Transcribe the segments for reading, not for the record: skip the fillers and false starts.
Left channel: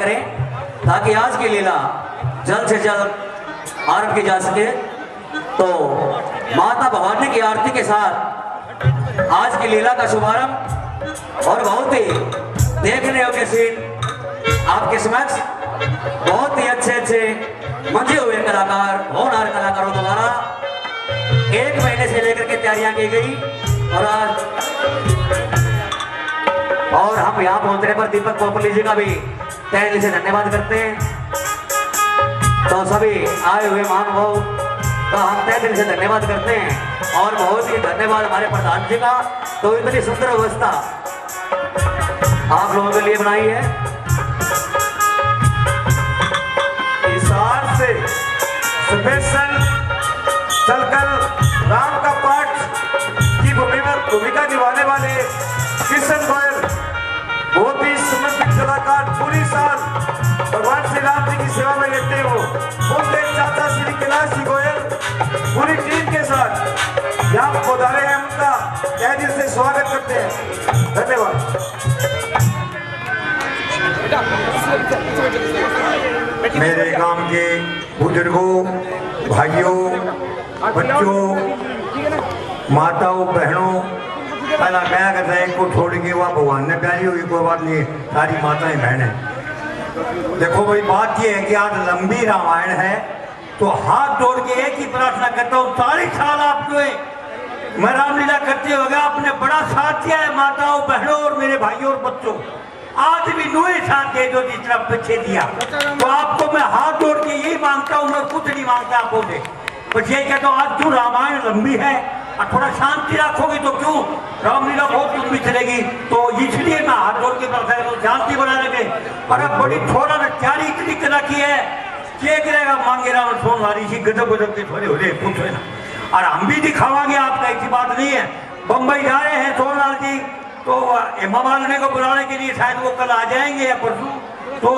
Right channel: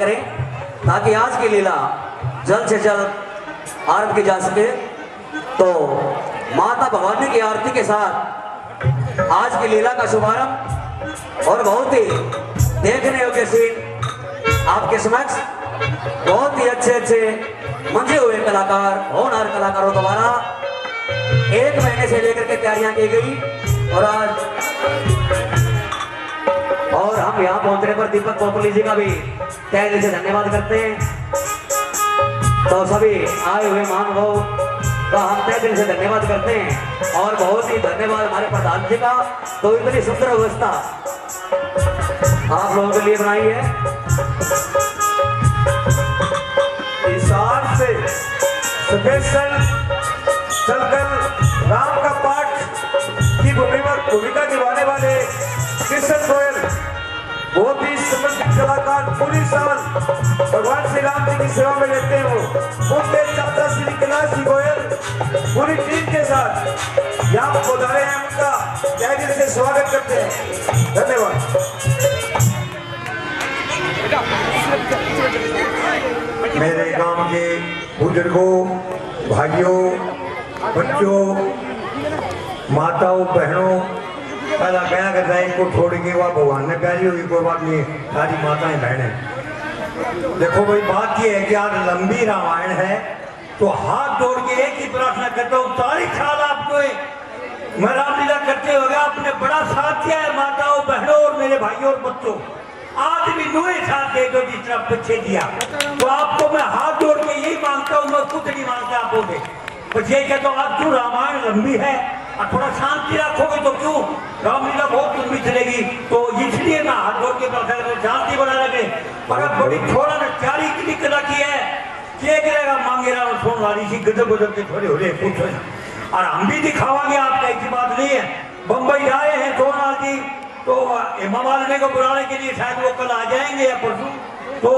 करें ताकि आज की लीला जल्द से जल्द आरंभ की जा सके। तो माता भवानी की आरती के साथ आज की लीला का शुभारंभ और बहुत ही देखने योग्य सीन आपके समक्ष बहुत ही अच्छे मंजे हुए कलाकार होनहार कलाकारों द्वारा 1 महीने से लेकर के तैयारियां की गई और हम यहाँ पहुंचने पर दीपक पोपली जी का भी तहे दिल से धन्यवाद करते हैं। तो सभी आए हुए महानुभाव का हम तहे दिल से धन्यवाद करते हैं और बहुत ही धन्यवाद हमारे प्रधान जी का। तो इतनी सुंदर व्यवस्था आप लोगों के लिए बनाई है। हिसार से स्पेशल चलकर राम का पाठ की भूमिका निभाने वाले किशन गोयल बहुत ही समर्पित कलाकार पूरी साल भगवान श्री राम जी की सेवा में रहते हो। उनके चाचा श्री कैलाश जी गोयल पूरी टीम के साथ यहाँ पधारे हैं, उनका तहे दिल से स्वागत करते हैं। धन्यवाद। मेरे गांव के बुजुर्गों, भाइयों, बच्चों, माताओं, बहनों, पहला क्या करते हैं इनको छोड़ के वह भगवान ने प्यारी हुई कोई बात नहीं, सारी माताएं बहनें। देखो भाई बात यह है कि आज लंबी रामायण है तो हाथ जोड़ के एक ही प्रार्थना करता हूँ 40 साल आपने मैं रामलीला करते हो गया, आपने बड़ा साथ दिया है माताओं, बहनों और मेरे भाइयों और बच्चों। आज भी नुए साथ दे दो जिस तरह पीछे दिया। तो आपको मैं हाथ जोड़ के यही मांगता हूँ, मैं कुछ नहीं मांगता आपको से, बस ये कहता हूँ आज जो रामायण लंबी है और थोड़ा शांति रखोगे तो क्यों, रामलीला बहुत लंबी चलेगी। तो इसलिए मैं हाथ जोड़ के शांति बना रखे। पर अब बड़ी थोड़ा ना तैयारी इतनी कर रखी है क्या करेगा मांगे राम सोन वाली सी गजब गजब के थोड़े होले पूछो ना, और हम भी दिखावांगे आपका, ऐसी बात नहीं है। बम्बई जा रहे हैं सोनलाल जी, तो हेमा मालिनी को बुलाने के लिए शायद वो कल आ जाएंगे या परसों, तो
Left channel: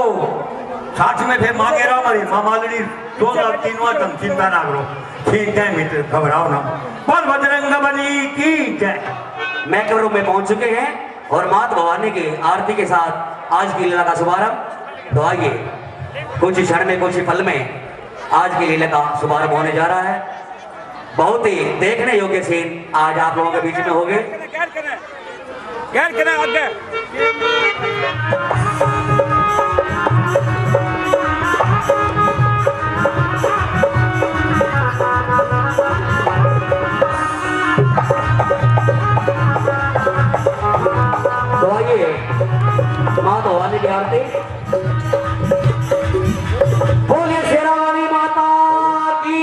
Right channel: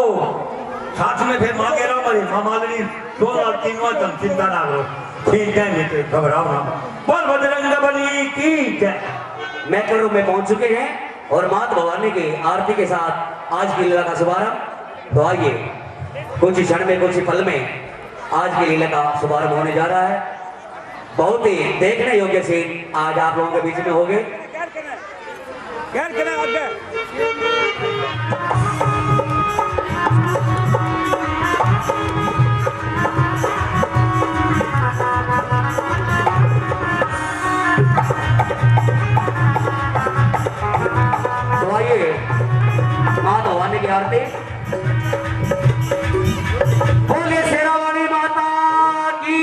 साथ में फिर मांगे राम और हेमा मालिनी सोनलाल तीनों तुम चिंता ना करो, ठीक है मित्र घबराओ ना। बोल बजरंग बली की जय। मैकल रूम में पहुंच चुके हैं और माता भवानी की आरती के साथ आज की लीला का शुभारंभ। तो आइए कुछ ही क्षण में कुछ ही पल में आज की लीला का शुभारंभ होने जा रहा है। बहुत ही देखने योग्य सीन आज आप लोगों के बीच में हो गए। तो आइए माता भवानी की आरती। बोले शेरा वाली माता की।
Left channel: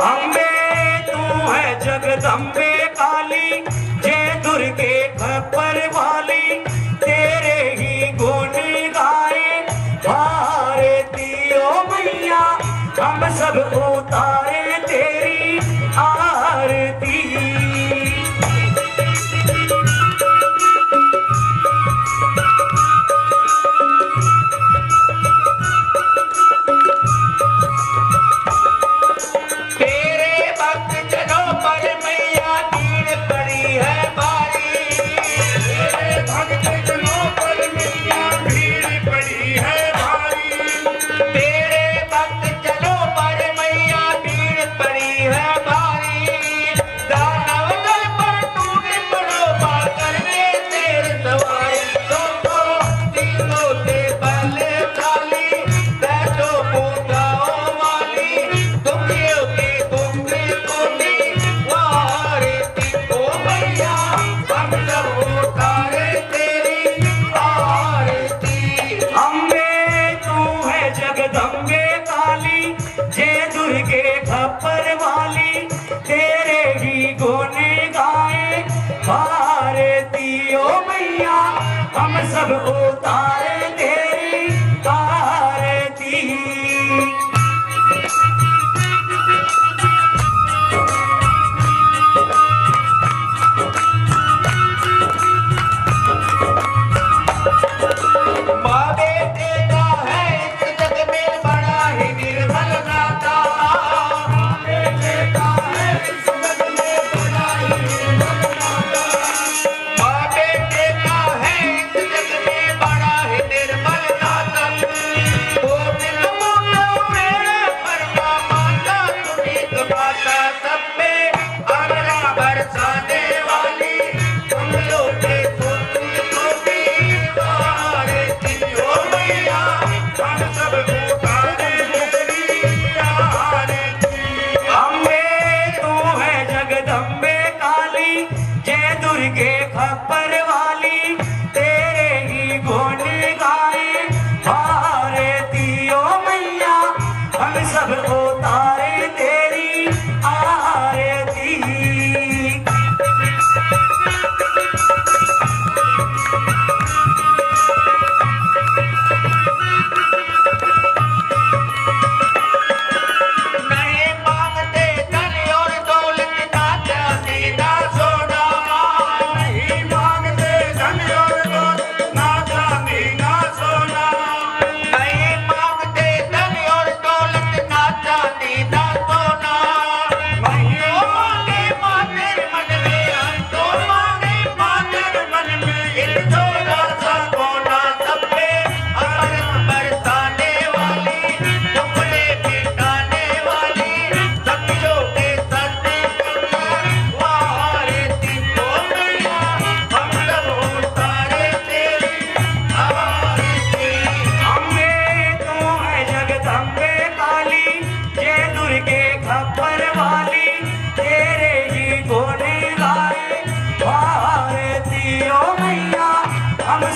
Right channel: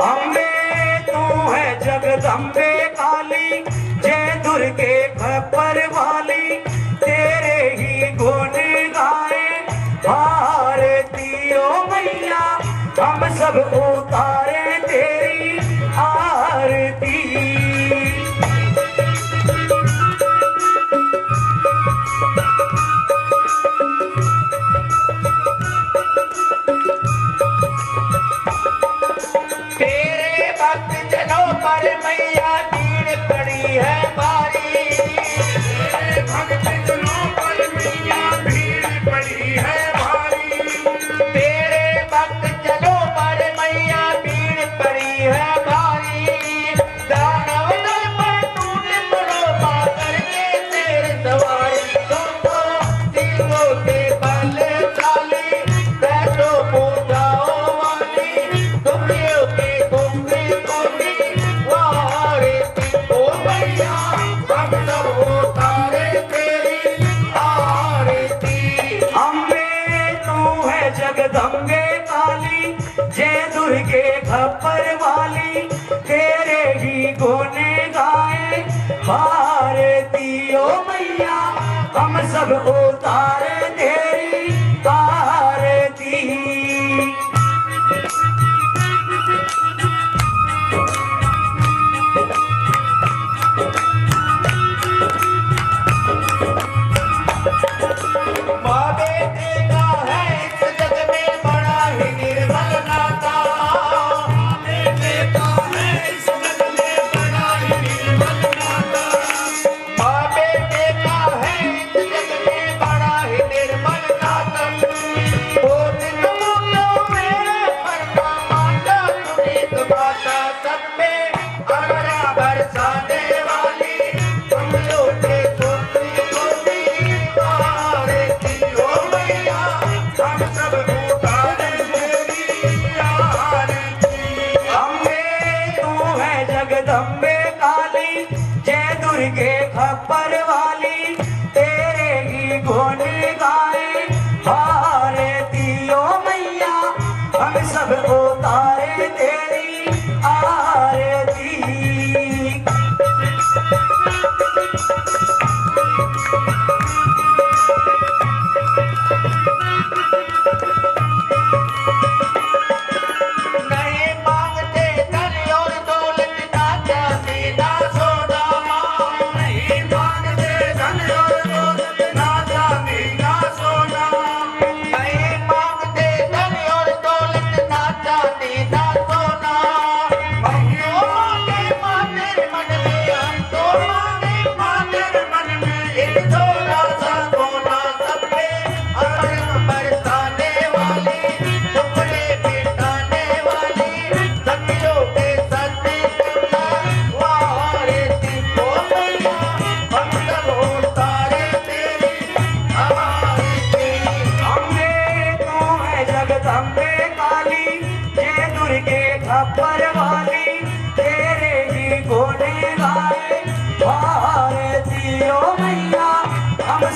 अम्बे तू है जगदम्बे काली, जय दुर्गे खप्पर वाली, तेरे ही गुण गाए भारती ओ मैया, हम सब उतारे तेरी आरती। जगदम्बे काली, जय दुर्गे खप्पर वाली, तेरे ही गुण गाए भारती ओ मैया, हम सब उतारे तेरी आरती। के खप्पर वाली तेरे ही गुण गाए भारती ओ मैया हम सब उतारे तेरी आरती।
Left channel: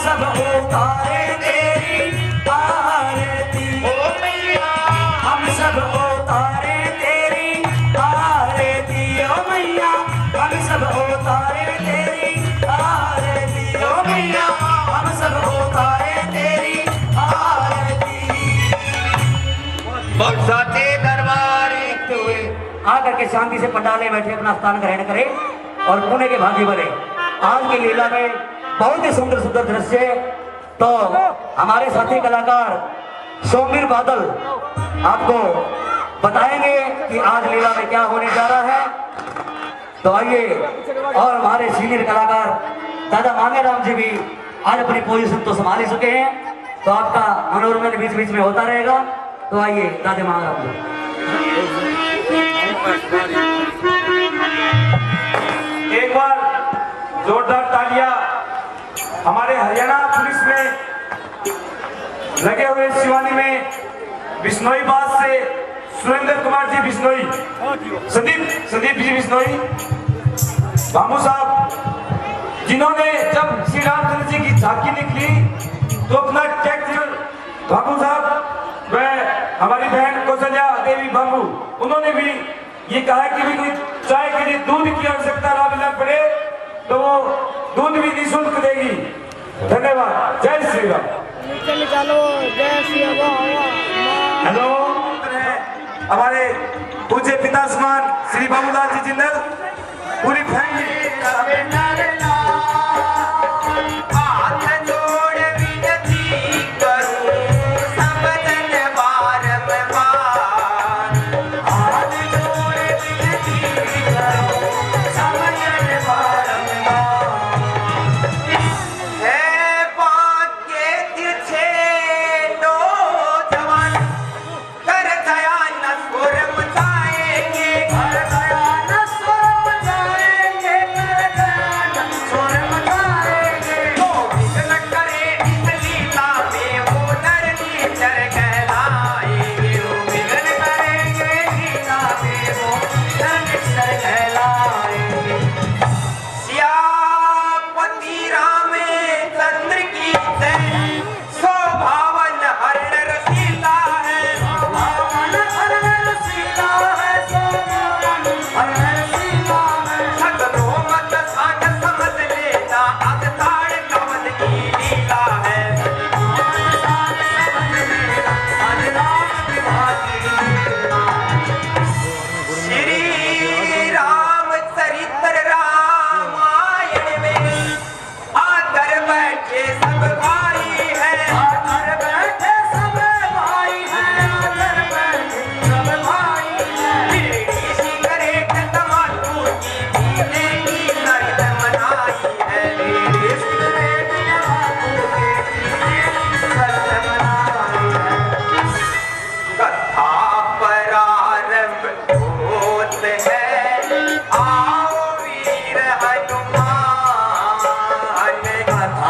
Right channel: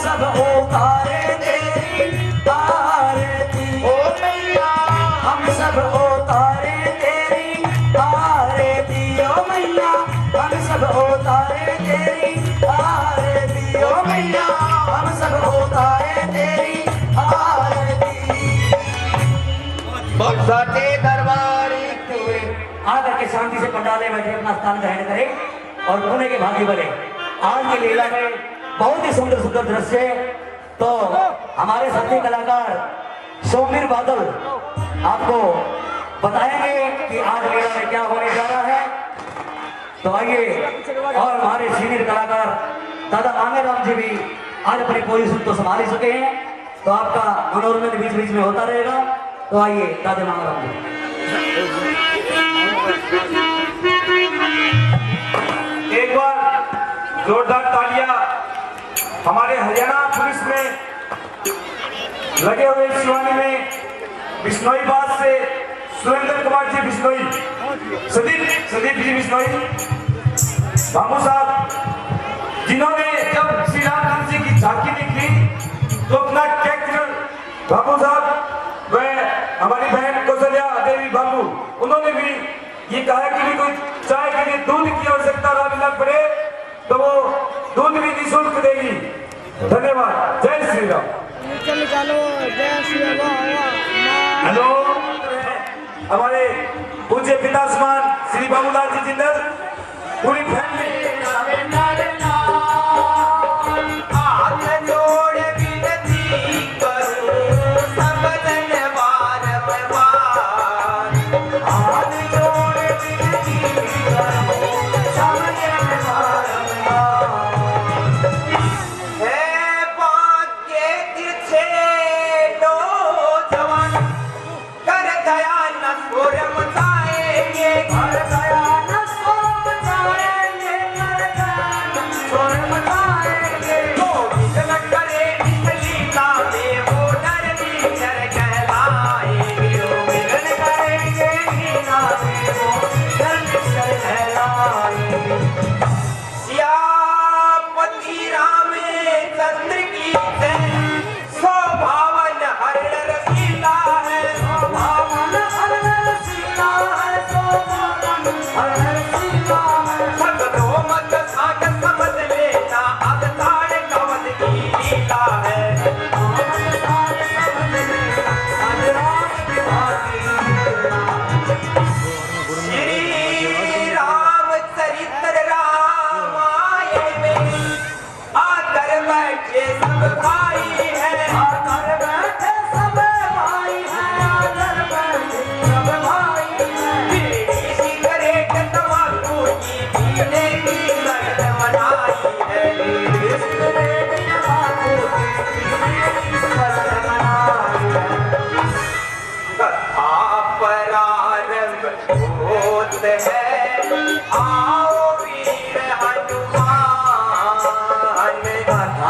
सब उतारे तेरी आरती ओ मैया हम सब उतारे तेरी आरती ओ मैया हम सब उतारे तेरी आरती ओ मैया हम सब उतारे तेरी आरती। बरसाते दरबार हुए आकर के शांति से पंडाले बैठे अपना स्थान ग्रहण करें और पुणे के भाग्य बने। आज की लीला में बहुत ही सुंदर सुंदर दृश्य, तो हमारे साथी कलाकार सोमवीर बादल आपको बताएंगे कि आज लीला में क्या होने जा रहा है। तो आइए, और हमारे सीनियर कलाकार दादा मांगेराम जी भी आज अपनी पोजीशन तो संभाल ही चुके हैं, तो आपका मनोरंजन बीच बीच में होता रहेगा। तो आइए दादा मांगेराम जी। एक बार जोरदार तालियां हमारे हरियाणा पुलिस में लगे हुए शिवानी में बिश्नोई बाग से सुरेंद्र कुमार जी बिश्नोई, संदीप जी बिश्नोई बाबू साहब, जिन्होंने जब श्री रामचंद्र जी की झांकी निकली तो अपना ट्रैक्टर बाबू साहब व हमारी बहन कौशल्या देवी बाबू, उन्होंने भी ये कहा कि भी कोई चाय के लिए दूध की आवश्यकता ना मिलना पड़े तो वो दूध भी निःशुल्क देगी। धन्यवाद। जय श्री राम। हेलो, हमारे पूज्य पिता समान श्री बाबूलाल जी जिंदल पूरी फैमिली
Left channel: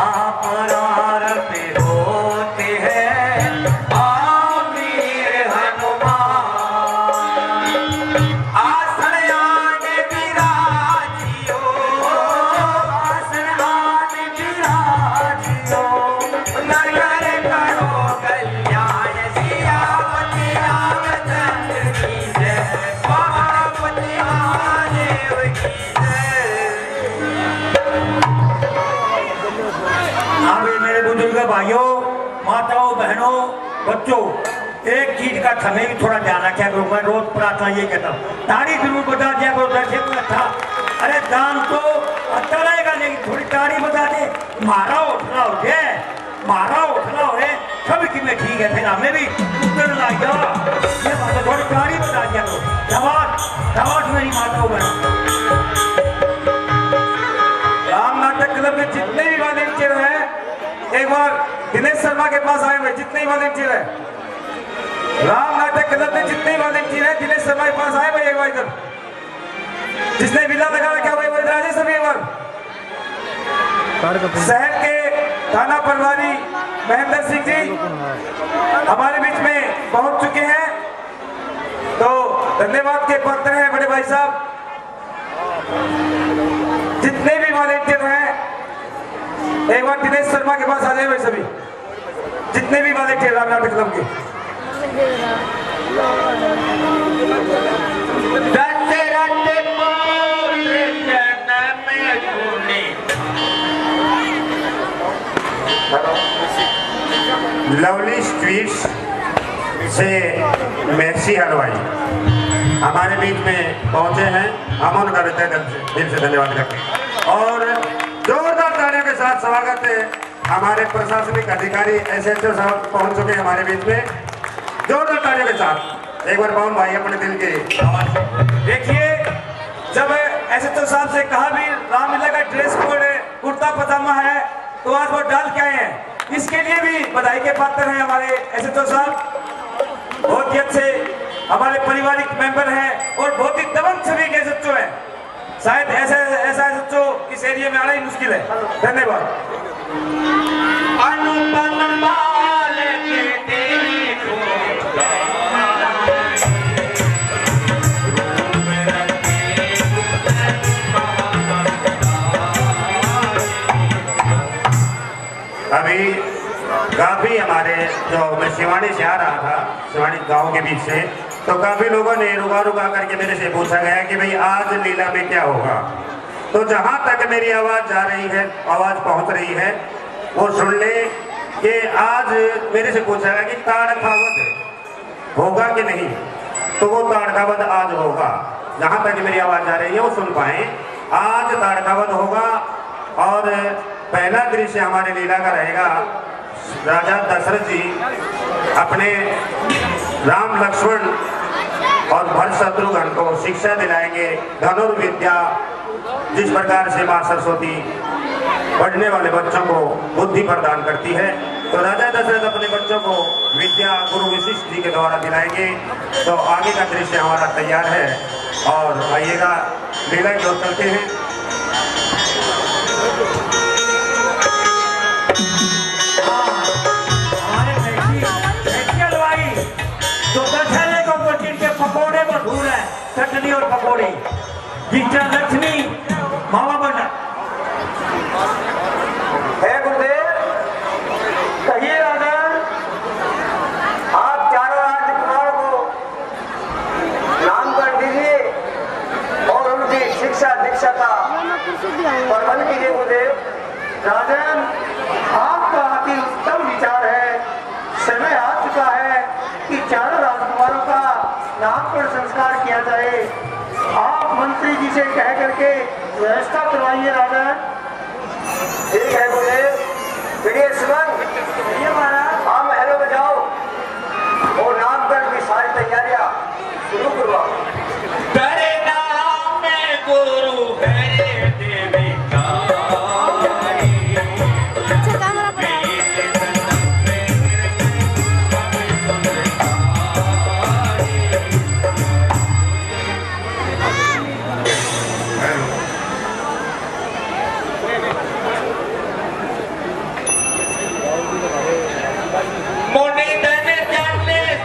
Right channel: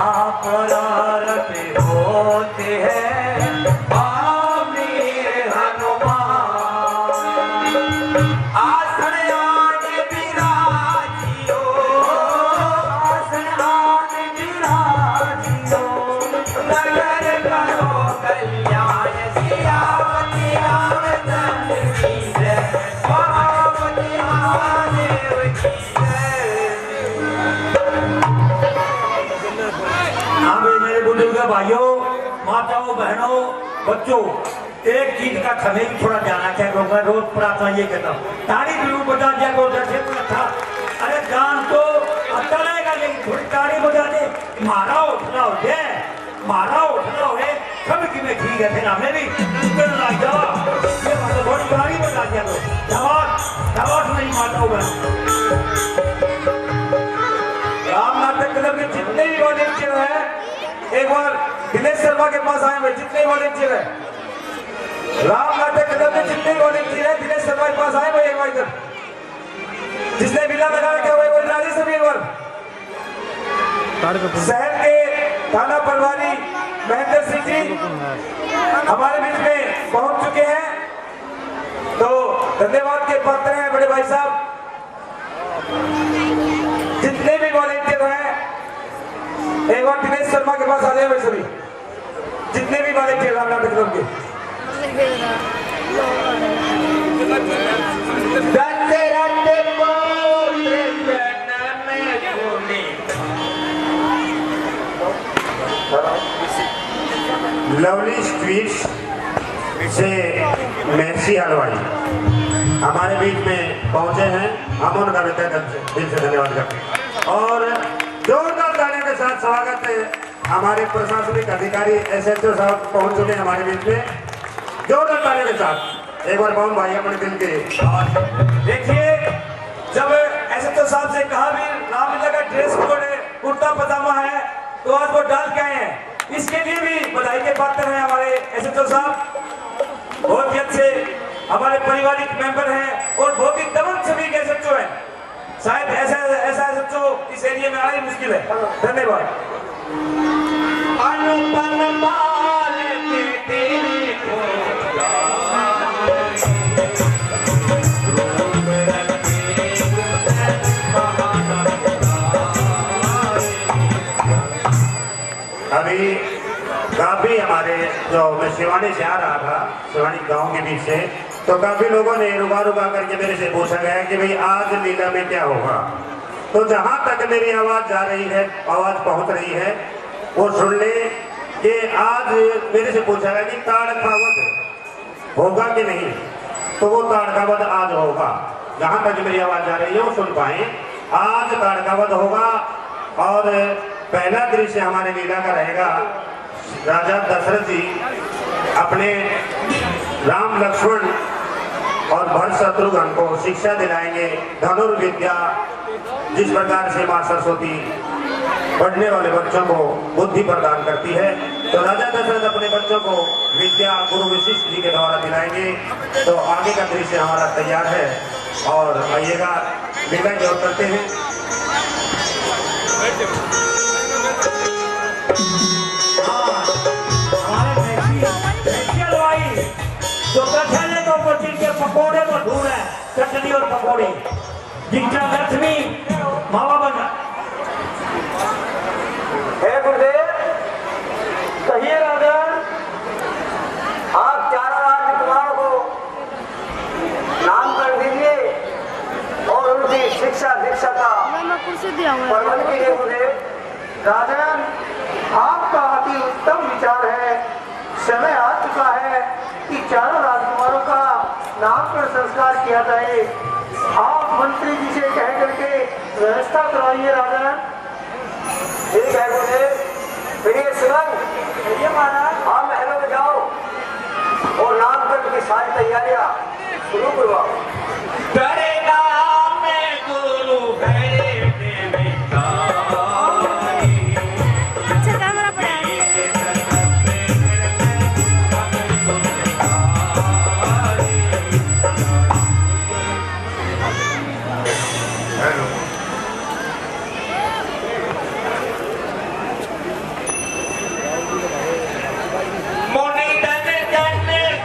अपरार बच्चों एक चीज का समय भी थोड़ा ध्यान रखा करो। मैं रोज प्रार्थना ये कहता हूँ, ताड़ी जरूर बजा दिया करो। जैसे अच्छा, अरे गान तो अच्छा रहेगा लेकिन थोड़ी ताड़ी बजा दे। मारा उठना हो गया, मारा उठना हो है सब की में ठीक है, फिर हमें भी उधर लग जाओ। ये बात तो थोड़ी ताड़ी बजा दिया करो। दवात नहीं मारता हूँ मैं। राम नाटक क्लब के जितने भी वॉलेंटियर हैं एक बार दिनेश शर्मा के पास आए हुए। जितने वॉलेंटियर हैं राम नाटक क्लब के जितने वॉलेंटियर हैं दिनेश शर्मा के पास आए भाई एक बार इधर। जिसने विला लगा रखा हुआ है राजे सभी एक बार। शहर के थाना प्रभारी महेंद्र सिंह जी हमारे बीच में पहुंच चुके हैं, तो धन्यवाद के पात्र हैं बड़े भाई साहब। जितने भी वॉलेंटियर हैं एक बार दिनेश शर्मा के पास आ जाए भाई सभी। जितने भी वॉलेंटियर राम नाटक क्लब के लवली स्ट्रीट्स से मैक्सी हलवाई हमारे बीच में पहुंचे हैं। हम उनका दिल से धन्यवाद करते हैं और जोरदार तालियों के साथ स्वागत है। हमारे प्रशासनिक अधिकारी SHO साहब पहुंच चुके हैं हमारे बीच में। जोरदार तालियों के साथ एक बार पवन भाई अपने दिल के आवाज से। देखिए, जब SHO साहब से कहा भी रामलीला का ड्रेस कोड है, कुर्ता पजामा है, तो आज वो डाल के आए हैं। इसके लिए भी बधाई के पात्र हैं हमारे SHO साहब। बहुत ही अच्छे हमारे पारिवारिक मेंबर हैं और बहुत ही दबंग छवि के SHO हैं। शायद ऐसा SHO इस एरिया में आना ही मुश्किल है। धन्यवाद। अभी काफी हमारे जो मैं शिवानी से आ रहा था, शिवानी गांव के बीच से, तो काफी लोगों ने रुका रुका करके मेरे से पूछा गया कि भाई आज लीला में क्या होगा। तो जहां तक मेरी आवाज जा रही है, आवाज पहुंच रही है, वो सुन ले कि आज मेरे से पूछा गया कि ताड़कावध होगा कि नहीं। तो वो ताड़कावध आज होगा। जहां तक मेरी आवाज जा रही है वो सुन पाए, आज ताड़कावध होगा। और पहला दृश्य हमारे लीला का रहेगा, राजा दशरथ जी अपने राम लक्ष्मण और भरत शत्रुघ्न को शिक्षा दिलाएंगे धनुर्विद्या। जिस प्रकार से मां सरस्वती पढ़ने वाले बच्चों को बुद्धि प्रदान करती है, तो राजा दशरथ अपने बच्चों को विद्या गुरु वशिष्ठ जी के द्वारा दिलाएंगे। तो आगे का दृश्य हमारा तैयार है और आइएगा लीला की ओर चलते हैं। तो गठले को जिनके पकौड़े मशहूर है, चटनी और पकौड़े, जिनका लक्ष्मी मामा बना है। गुरुदेव कहिए राजन, आप चारों राजकुमारों को नाम कर दीजिए और उनकी शिक्षा दीक्षा का प्रबंध कीजिए। गुरुदेव राजन, आपका अति उत्तम विचार है। समय आ चुका है कि चारों राजकुमारों का नामकरण संस्कार किया जाए। आप मंत्री जी से कह करके व्यवस्था करवाइए राजन। ठीक है गुरुदेव। प्रिय सुमन, आप महलों में जाओ और नामकरण की सारी तैयारियां शुरू करवाओ। मोनी धन जन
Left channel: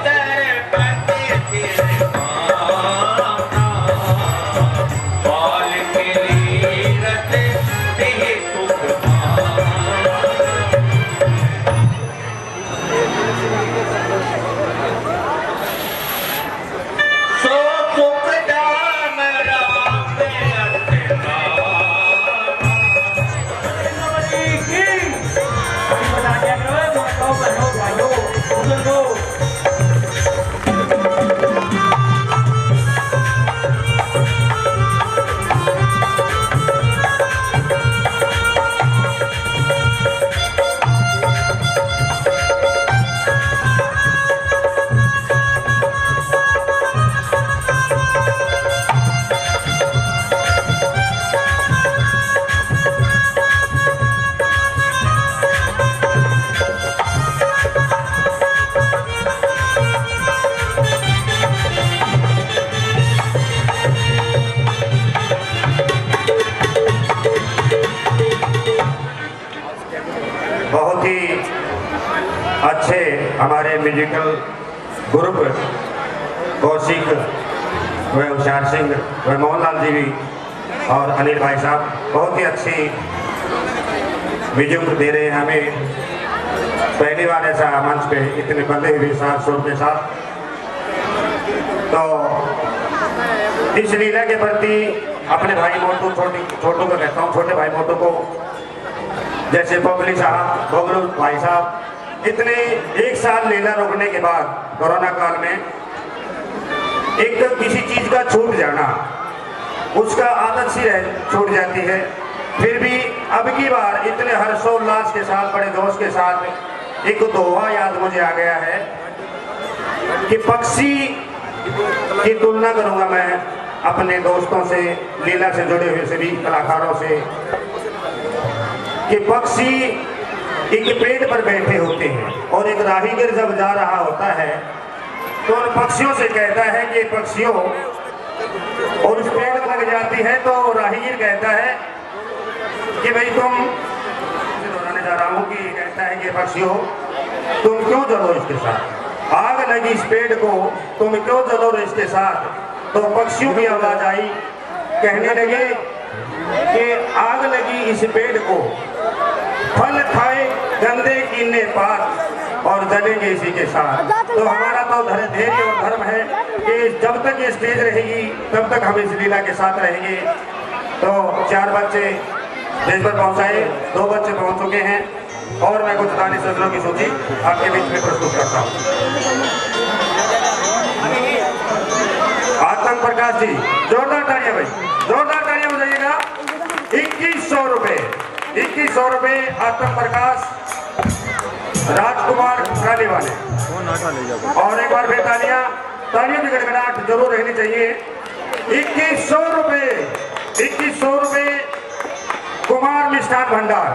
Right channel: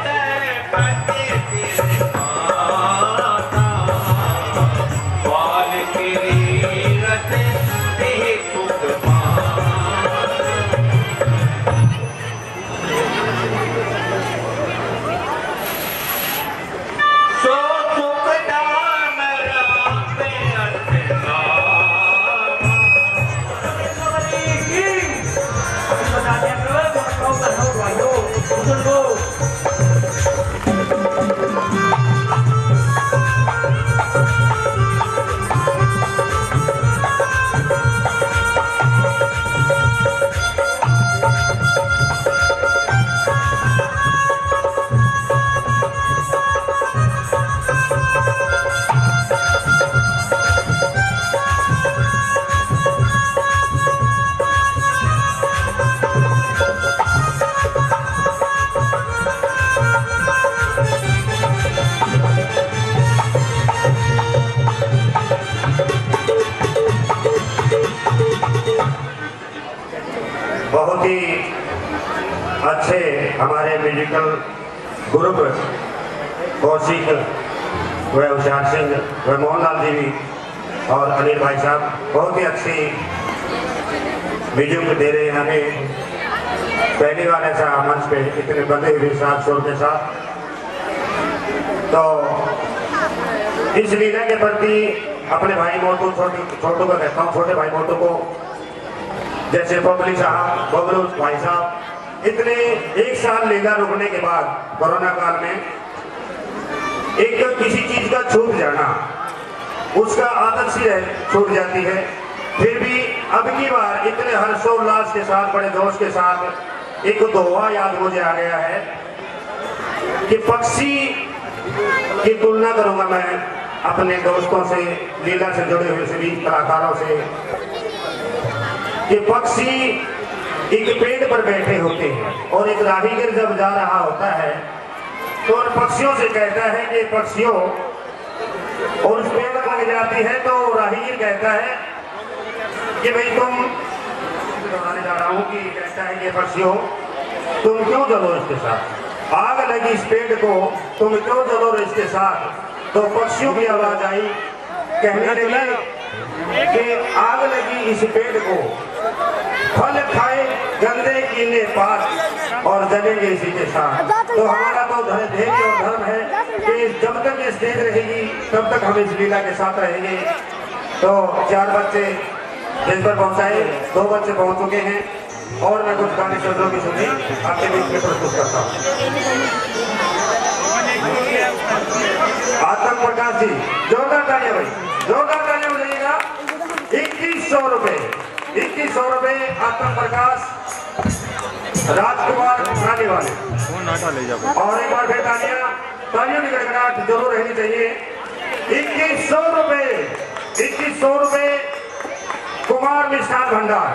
सर पति ही अच्छे हमारे म्यूजिकल ग्रुप कौशिक व होशियार सिंह व मोहनलाल जी भी और अनिल भाई साहब बहुत ही अच्छी म्यूजिक दे रहे हैं हमें। पहली बार ऐसा मंच पे इतने बंदे हुए साथ सुर के साथ। तो इस लीला के प्रति अपने भाई मोटू छोटू को कहता हूँ, छोटे भाई मोटू को, जैसे बबली साहब, बबलू भाई साहब, इतने एक साल लीला रुकने के बाद कोरोना काल में एक किसी चीज का छूट जाना, उसका आदत सी छूट जाती है। फिर भी अब की बार इतने हर्षोल्लास के साथ, बड़े जोश के साथ एक दोहा याद मुझे आ गया है कि पक्षी की तुलना करूंगा मैं अपने दोस्तों से, लीला से जुड़े हुए सभी कलाकारों से, कि पक्षी एक पेड़ पर बैठे होते हैं और एक राहीगर जब जा रहा होता है तो उन पक्षियों से कहता है कि पक्षियों, और उस पेड़ लग जाती है तो राहीगर कहता है कि भाई तुम, दोहराने जा रहा हूँ, कि कहता है कि पक्षियों तुम क्यों जलो इसके साथ, आग लगी इस पेड़ को तुम क्यों जलो इसके साथ। तो पक्षियों की आवाज आई, कहने लगे कि आग लगी इस पेड़ को, फल खाए गंदे कीने पात और जलेंगे इसी के साथ। तो हमारा तो धैर्य और धर्म है कि जब तक ये स्टेज रहेगी तब तक हम इस लीला के साथ रहेंगे। तो 4 बच्चे स्टेज पर पहुंचाए, 2 बच्चे पहुंच चुके हैं और मैं कुछ गाने सजरों की सूची आपके बीच में प्रस्तुत करता हूँ। आतंक प्रकाश जी, जोरदार तालियां भाई, जोरदार तालियां हो जाइएगा। 2100 रुपए, 2100 रुपए आतंक प्रकाश, राजकुमार गाने वाले। और एक बार फिर तालियां, तालियों की गड़गड़ाहट जरूर रहनी चाहिए। 2100 रुपए, 2100 रुपए कुमार मिष्ठान भंडार,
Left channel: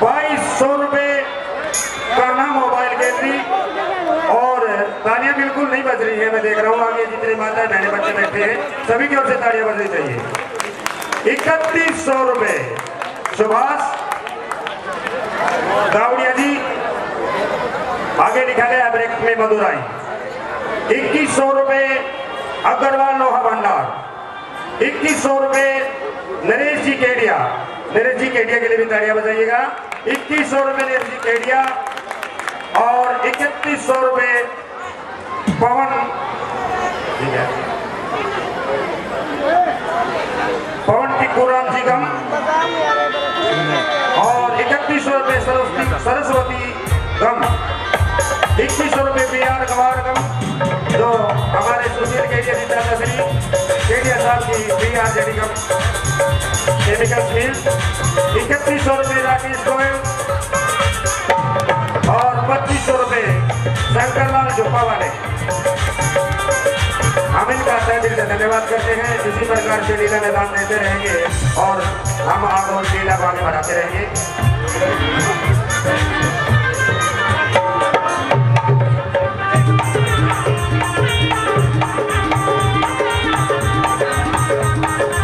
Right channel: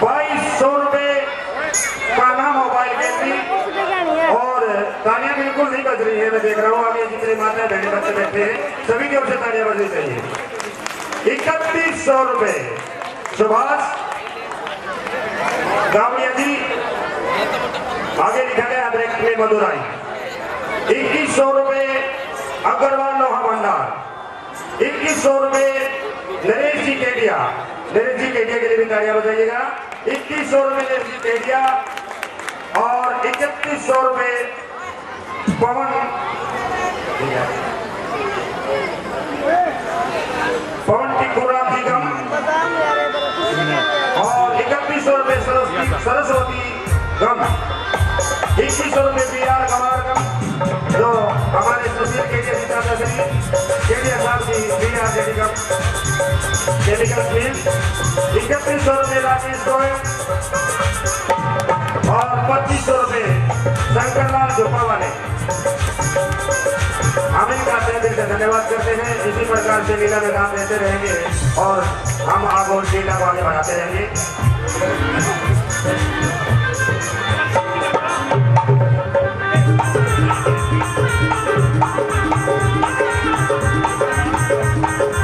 2200 रुपए कान्हा मोबाइल गैलरी। और तालियां बिल्कुल नहीं बज रही है, मैं देख रहा हूँ आगे जितने माता बहने बच्चे बैठे हैं सभी की ओर से तालियां बजनी चाहिए। 3100 रुपए सुभाष गावड़िया जी, आगे लिखा गया ब्रैकेट में मदुराई। 2100 रुपए अग्रवाल लोहा भंडार, 2100 रुपए नरेश जी केडिया, नरेश जी केडिया के लिए भी तालियां बजाइएगा। 2100 रुपए नरेश जी केडिया और 3100 रुपए पवन टिक्कूराम जी गम और 3100 रुपए सरस्वती गम, 2100 रुपए बिहार गवार गम, जो हमारे सुशील केडिया जी चाचा श्री केडिया साहब की बिहार जेडी गम केमिकल मिल। 3100 रुपए राकेश गोयल और 2500 रुपए शंकरलाल झोपा वाले। हम इनका दिल से धन्यवाद करते हैं। इसी प्रकार से लीला में दान देते रहेंगे और हम आगे लीला को आगे बढ़ाते रहेंगे।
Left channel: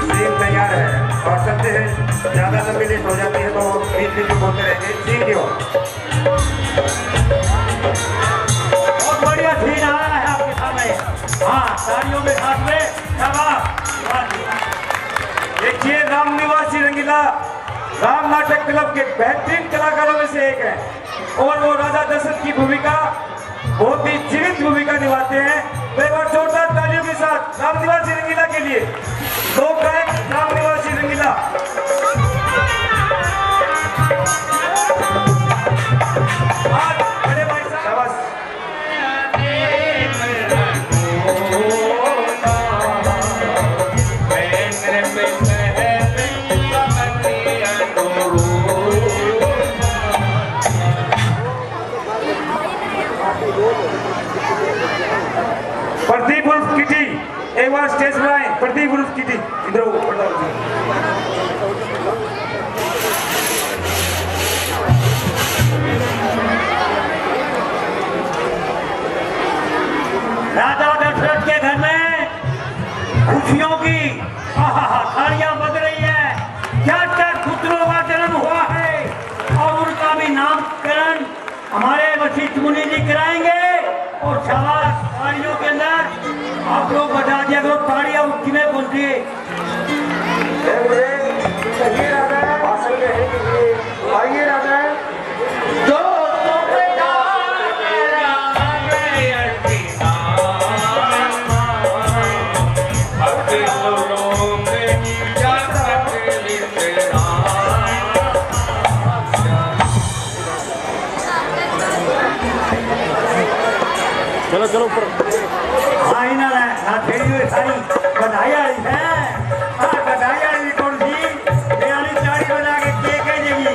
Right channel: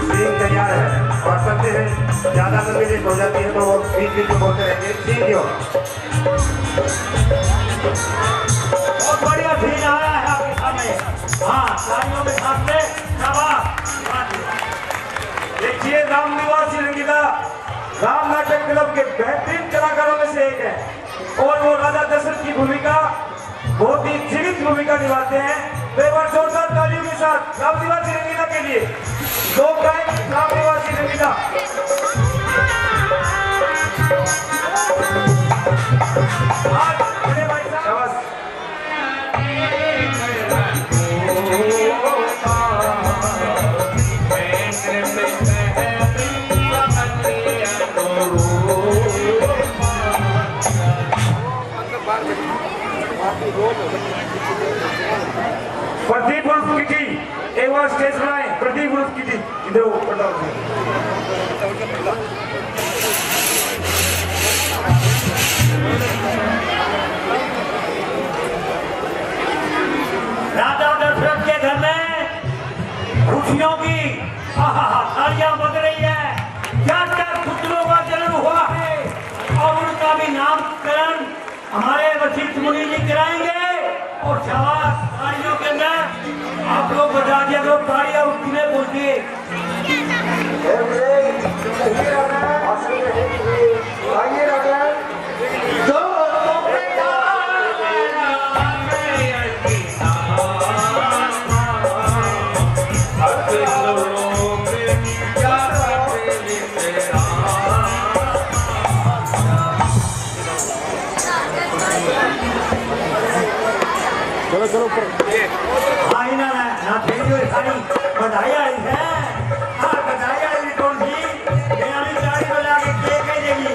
सीन तैयार है और सकते हैं ज्यादा लंबी लिस्ट हो जाती है तो बीच बीच में बोलते रहेंगे। सीन दियो, बहुत बढ़िया सीन आ रहा है आपके सामने। हाँ, तालियों के साथ में देखिए, राम निवासी रंगीला राम नाटक क्लब के बेहतरीन कलाकारों में से एक है और वो राजा दशरथ की भूमिका बहुत ही जीवित भूमिका निभाते हैं। तो एक बार जोरदार तालियों के साथ राम निवासी रंगीला के लिए 2 टाइम राम निवासी रंगीला। बड़े भाई साहब प्रदीप उर्फ किटी एक बार स्टेज पर आए। प्रदीप उर्फ किटी इधर हमारे वशिष्ठ मुनि जी कराएंगे और शाबाश पहाड़ियों के अंदर आप लोग बता दिया करो पहाड़ियाँ उठने में बोलती है चलो चलो ऊपर आई ना ना फिर कोई सारी बधाई आई है हाँ बधाई आई कौन सी मेरी गाड़ी बजा के कह देगी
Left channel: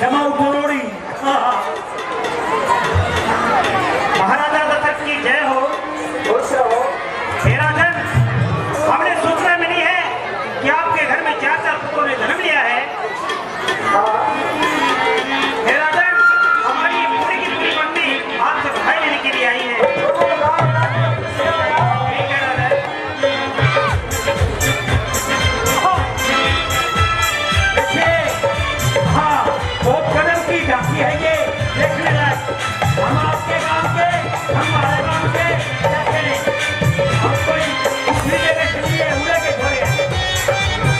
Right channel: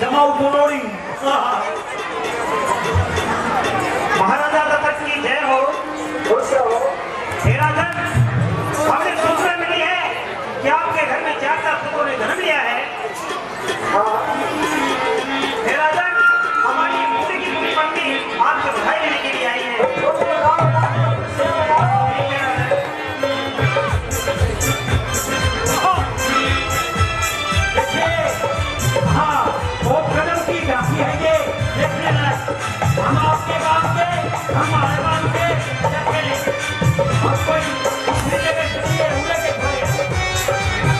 जमा उठोड़ी महाराजा दत्त की जय हो मेरा धन हमने सूचना मिली है कि आपके घर में 4 पुत्रों ने जन्म लिया है मेरा धन हमारी पूरी की पूरी मंडी आपसे बधाई लेने के लिए आई है हम आपके गांव के हम हमारे गांव के आपको दूसरी जगह चलिए उड़े के खोए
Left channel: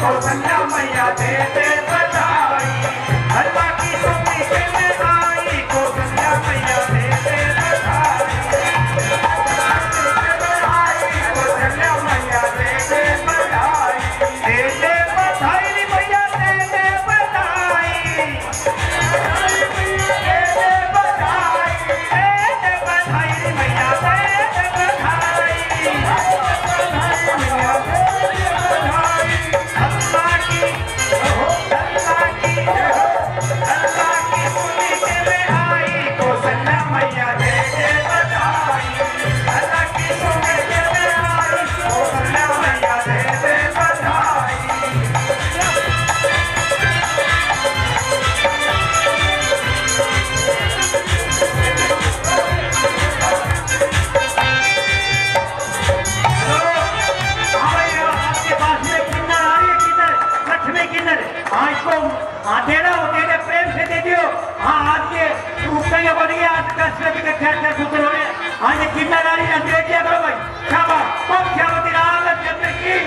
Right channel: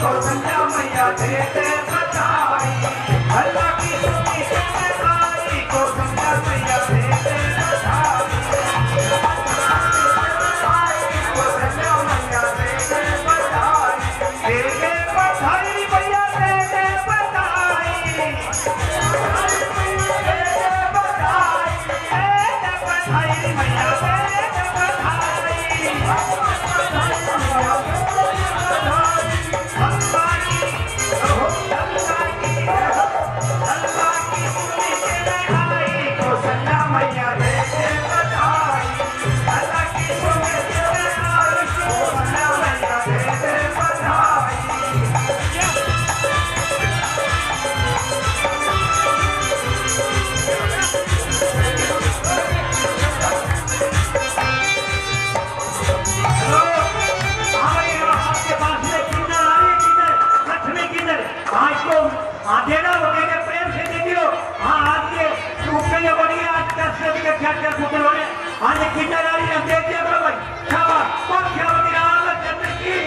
कौशल्या मैया दे दे बधाई हलवा की सुनी के में आई कौशल्या मैया दे दे बधाई कौशल्या मैया दे दे बधाई मैया दे दे बधाई देना वो दे दे प्रेम से दे दियो हाँ आज के रुपये बढ़िए आज कष्ट के ख्याल कर पुत्र हो गए आज किन्नरारी ने दे दिया करो भाई शाबाश पक्षावती राम चंद्र की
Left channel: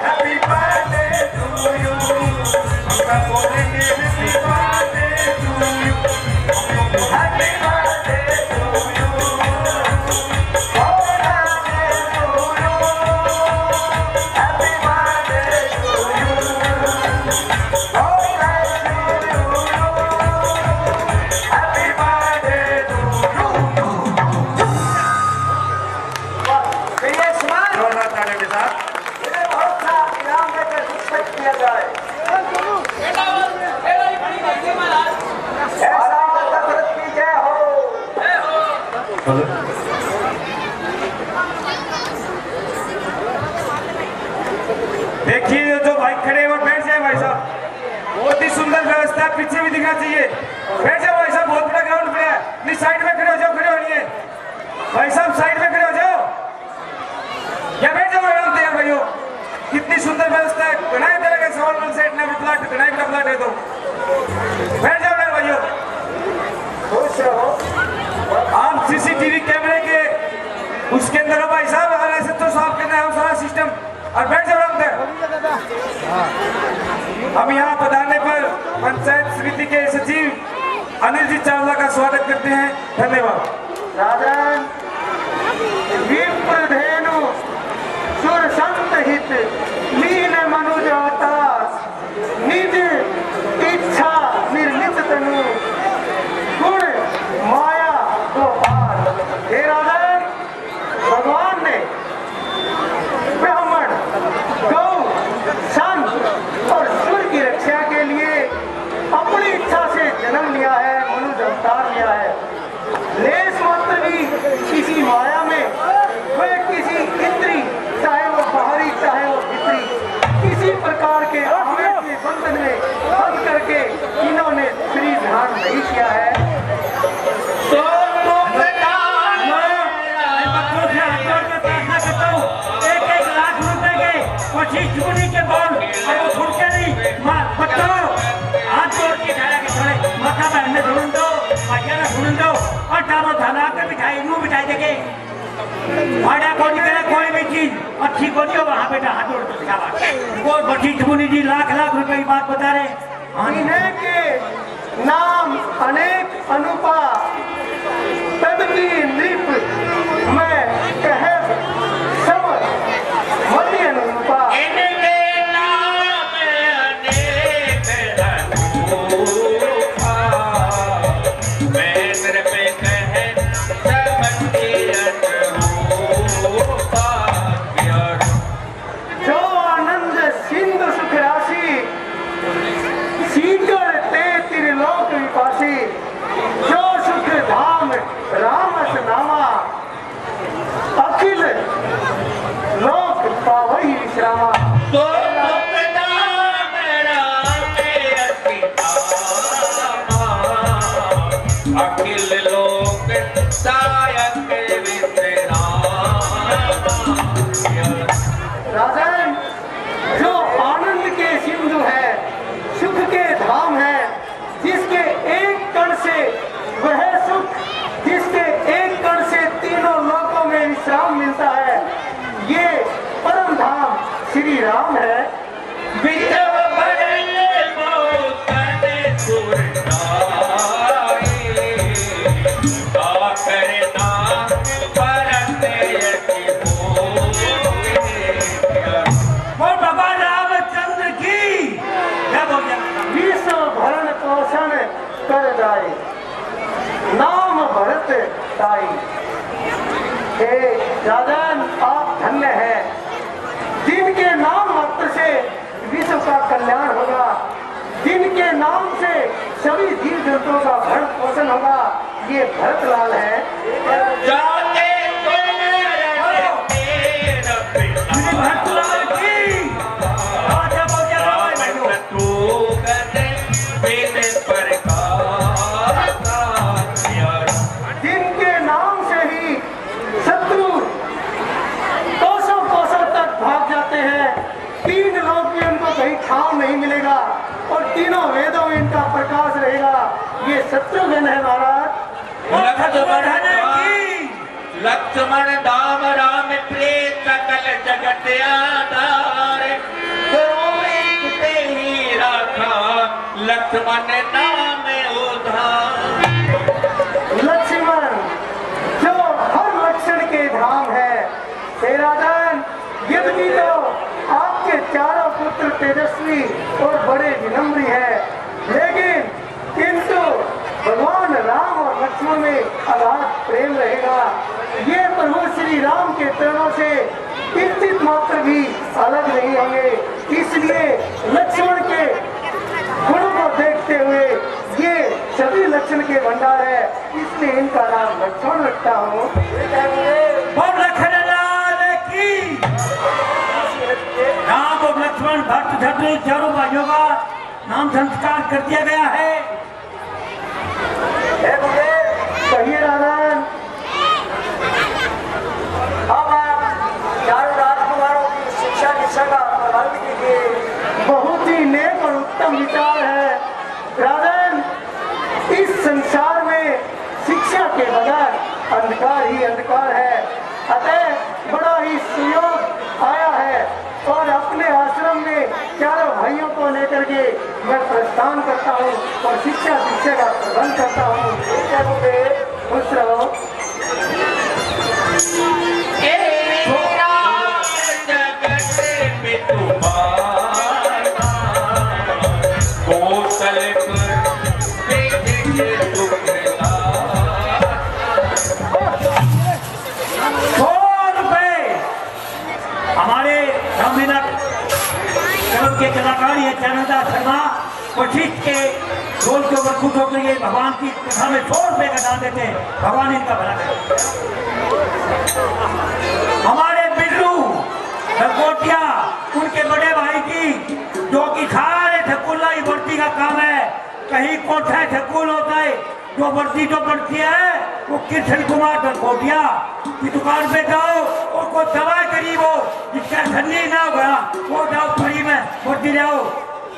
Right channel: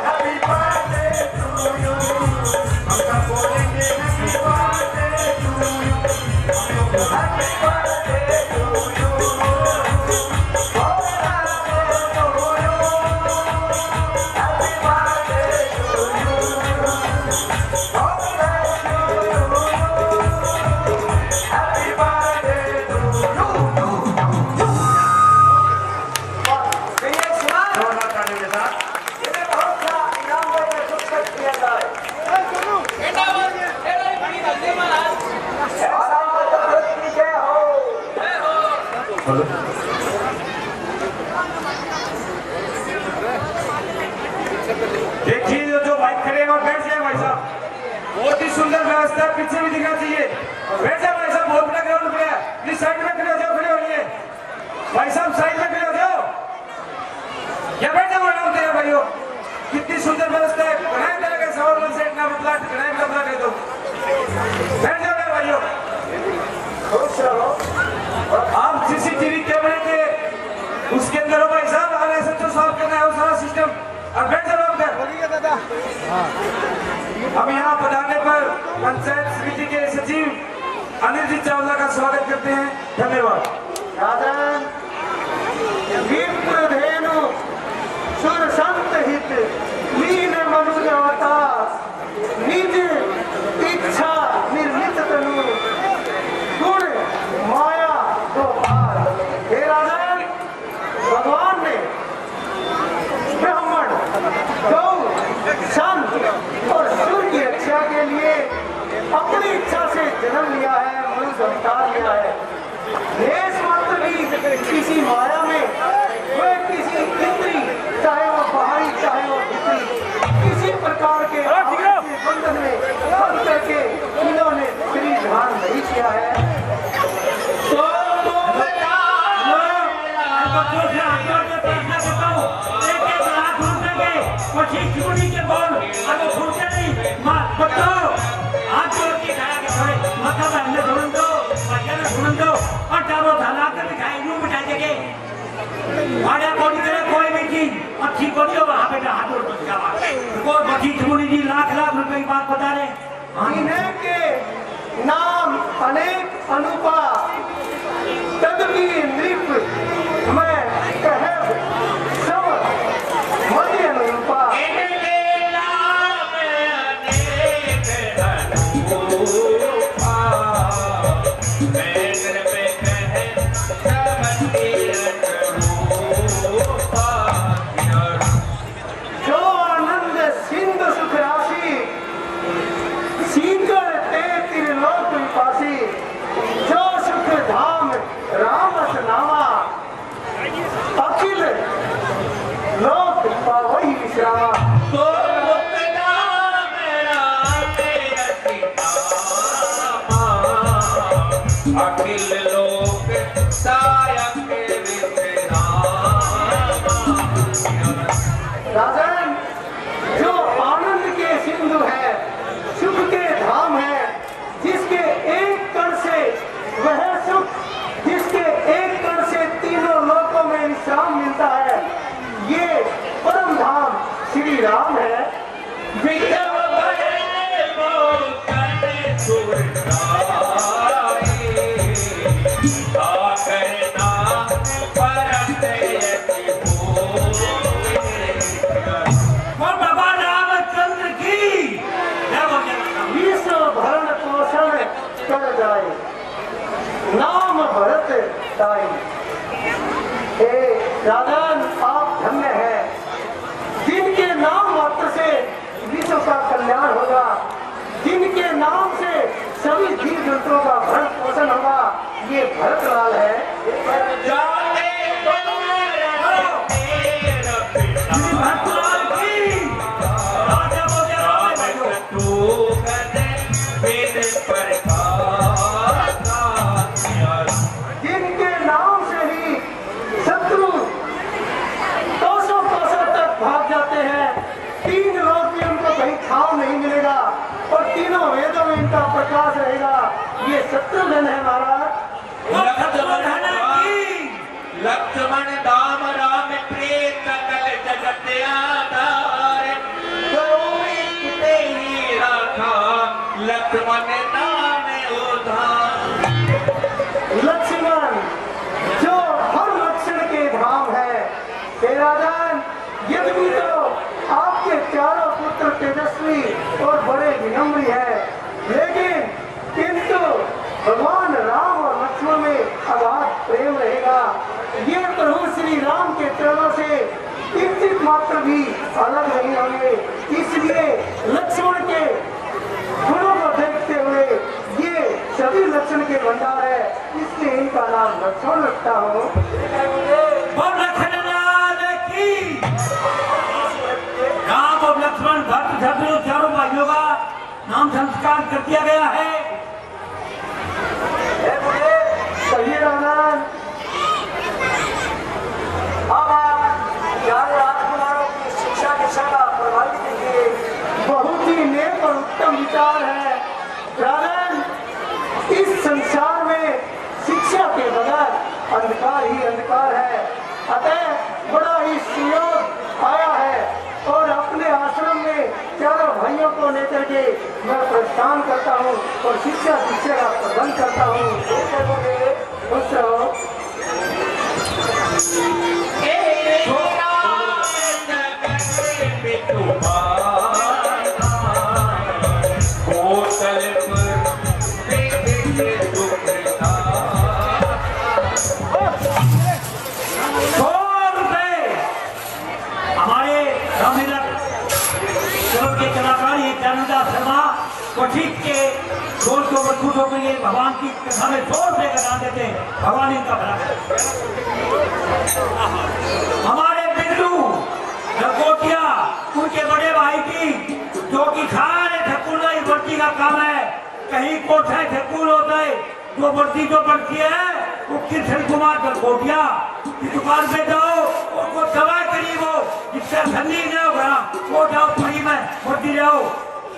Happy birthday to you. देखिए जो भाई खड़े हुए बैठ जाए भाई साहब, बहुत ही सुंदर व्यवस्था है, पीछे भी दिखना चाहिए। बैठ जाओ भाई साहब, बहुत बड़ा ग्राउंड पे है, प्लीज साइड में खड़े हो जाओ, खड़े होइए भाई साहब, साइड में खड़े हो जाओ या बैठ जाओ आराम से भाइयों। कितनी सुंदर व्यवस्था है, बनाए मेरे के सवाल सेट ना प्लाट बनाए का प्लाट है, तो बैठ जाओ मेरे भाइयों। खुश रहो। आप सीसीटीवी कैमरे के उसके अंदर हो भाई साहब, अगर ऐसे तो सॉल्व करना है सारा सिस्टम, और बैठ जाओ आराम से। हम यहाँ पधारने पर पंचायत समिति के सचिव अनिल जी चावला का स्वागत करते हैं, धन्यवाद। राजन विप्रधेनु सुर संत हित लीन मनुज अवतार निज इच्छा निर्मित तनु गुण माया गोपाल। हे राजन, भगवान ने ब्राह्मण गौ संत और सुर की रक्षा के लिए अपनी इच्छा से जन्म लिया है, मनुष्य अवतार लिया है। लेस मात्र भी किसी माया में, वह किसी इंद्री, चाहे वो बाहरी चाहे वो भीतरी, किसी प्रकार के आवेश के बंधन में फंस करके इन्होंने श्री ध्यान नहीं किया है। तो बच्चों से हाथ जोड़ के प्रार्थना करता हूँ, 1-1 लाख रुपए के पच्चीस चुनी के बॉल, और वो छूटते नहीं। माँ बच्चों हाथ जोड़ के खाया के थोड़े माथा पहनने ढूंढ दो, भैया ने ढूंढ दो, और डाबो धना कर बिठाई, मुंह बिठाई देखे भाड़ा कोई करे कोई भी चीज अच्छी बोली हो, वहाँ बेटा हाथ जोड़ के खावा। वो बच्ची चुनी जी लाख रुपए की बात बता रहे। इन्हें के नाम अनेक अनुपा तदपि नृप मैं कहे सब हरि अनुपा। जो आनंद सिंधु सुख राशि सीकर ते त्रिलोक विपासी, जो सुख धाम रामस नामा अखिल लोक पावई विश्रामा। अखिल लोक सायक राजन, जो आनंद के सिंधु है, सुख के धाम है, जिसके एक कण से वह सुख, जिसके एक कण से तीनों लोकों में विश्राम मिलता है, ये परम धाम श्री राम है। और बाबा रामचंद्र की क्या बोल गया? विश्व भरण पोषण कर जाए, नाम भरत ताई। हे राजन, आप धन्य हैं, जिनके नाम मात्र से विश्व का कल्याण होगा, जिनके नाम से सभी जीव जंतुओं का भरण पोषण होगा, ये भरत लाल है। भक्तलाल की राजा बोल गया बाबा भाइयों। जिनके नाम से ही शत्रु कोसों कोसों तक भाग जाते हैं, 3 लोक में उनको कहीं ठाव नहीं मिलेगा और तीनों वेदों में इनका प्रकाश रहेगा। ये शत्रुघ्न है महाराज। लक्ष्मण दाम राम प्रेत सकल जगत आधार, करुणित ही राखा लक्ष्मण नाम उधार। लक्ष्मण जो हर लक्षण के धाम है। हे राजन, यद्यपि तो आपके चारों पुत्र तेजस्वी और बड़े विनम्री है, लेकिन किंतु भगवान राम और लक्ष्मण में अगाध प्रेम रहेगा। ये प्रभु श्री राम के चरणों से किंचित मात्र भी अलग नहीं होंगे। इसलिए लक्ष्मण के गुणों को देखते हुए ये सभी लक्षण के भंडार है, इसलिए इनका नाम लक्ष्मण रखता हूँ। अब सबने चारों भाइयों का नाम संस्कार कर दिया गया है। कहिए राजन। अब आप चारों राजकुमारों की शिक्षा दीक्षा का प्रबंध कीजिए। बहुत ही नेक और उत्तम विचार है राजन। इस संसार में शिक्षा के बगैर अंधकार ही अंधकार है। अतः बड़ा ही सुयोग आया है और अपने आश्रम में चारों भाइयों को लेकर के मैं प्रस्थान करता हूँ और शिक्षा दीक्षा का प्रबंध करता हूँ। खुश रहो। हमारे के कलाकार ये चरणदास शर्मा कोशिश के गोल को मजबूत हो गई। भगवान की कथा में जोर से बता देते हैं, भगवान इनका भला करे। हमारे बिल्लू लकोटिया उनके बड़े भाई की जो कि खा रहे ठकुल्ला ही वर्दी का काम है। कहीं कोठा ठकुल होता है, जो वर्दी जो बढ़ती है वो किशन कुमार लकोटिया की दुकान पे जाओ, उनको दवा करीब हो जिसका ठंडी ना होगा वो जाओ फरी में वर्दी ले आओ।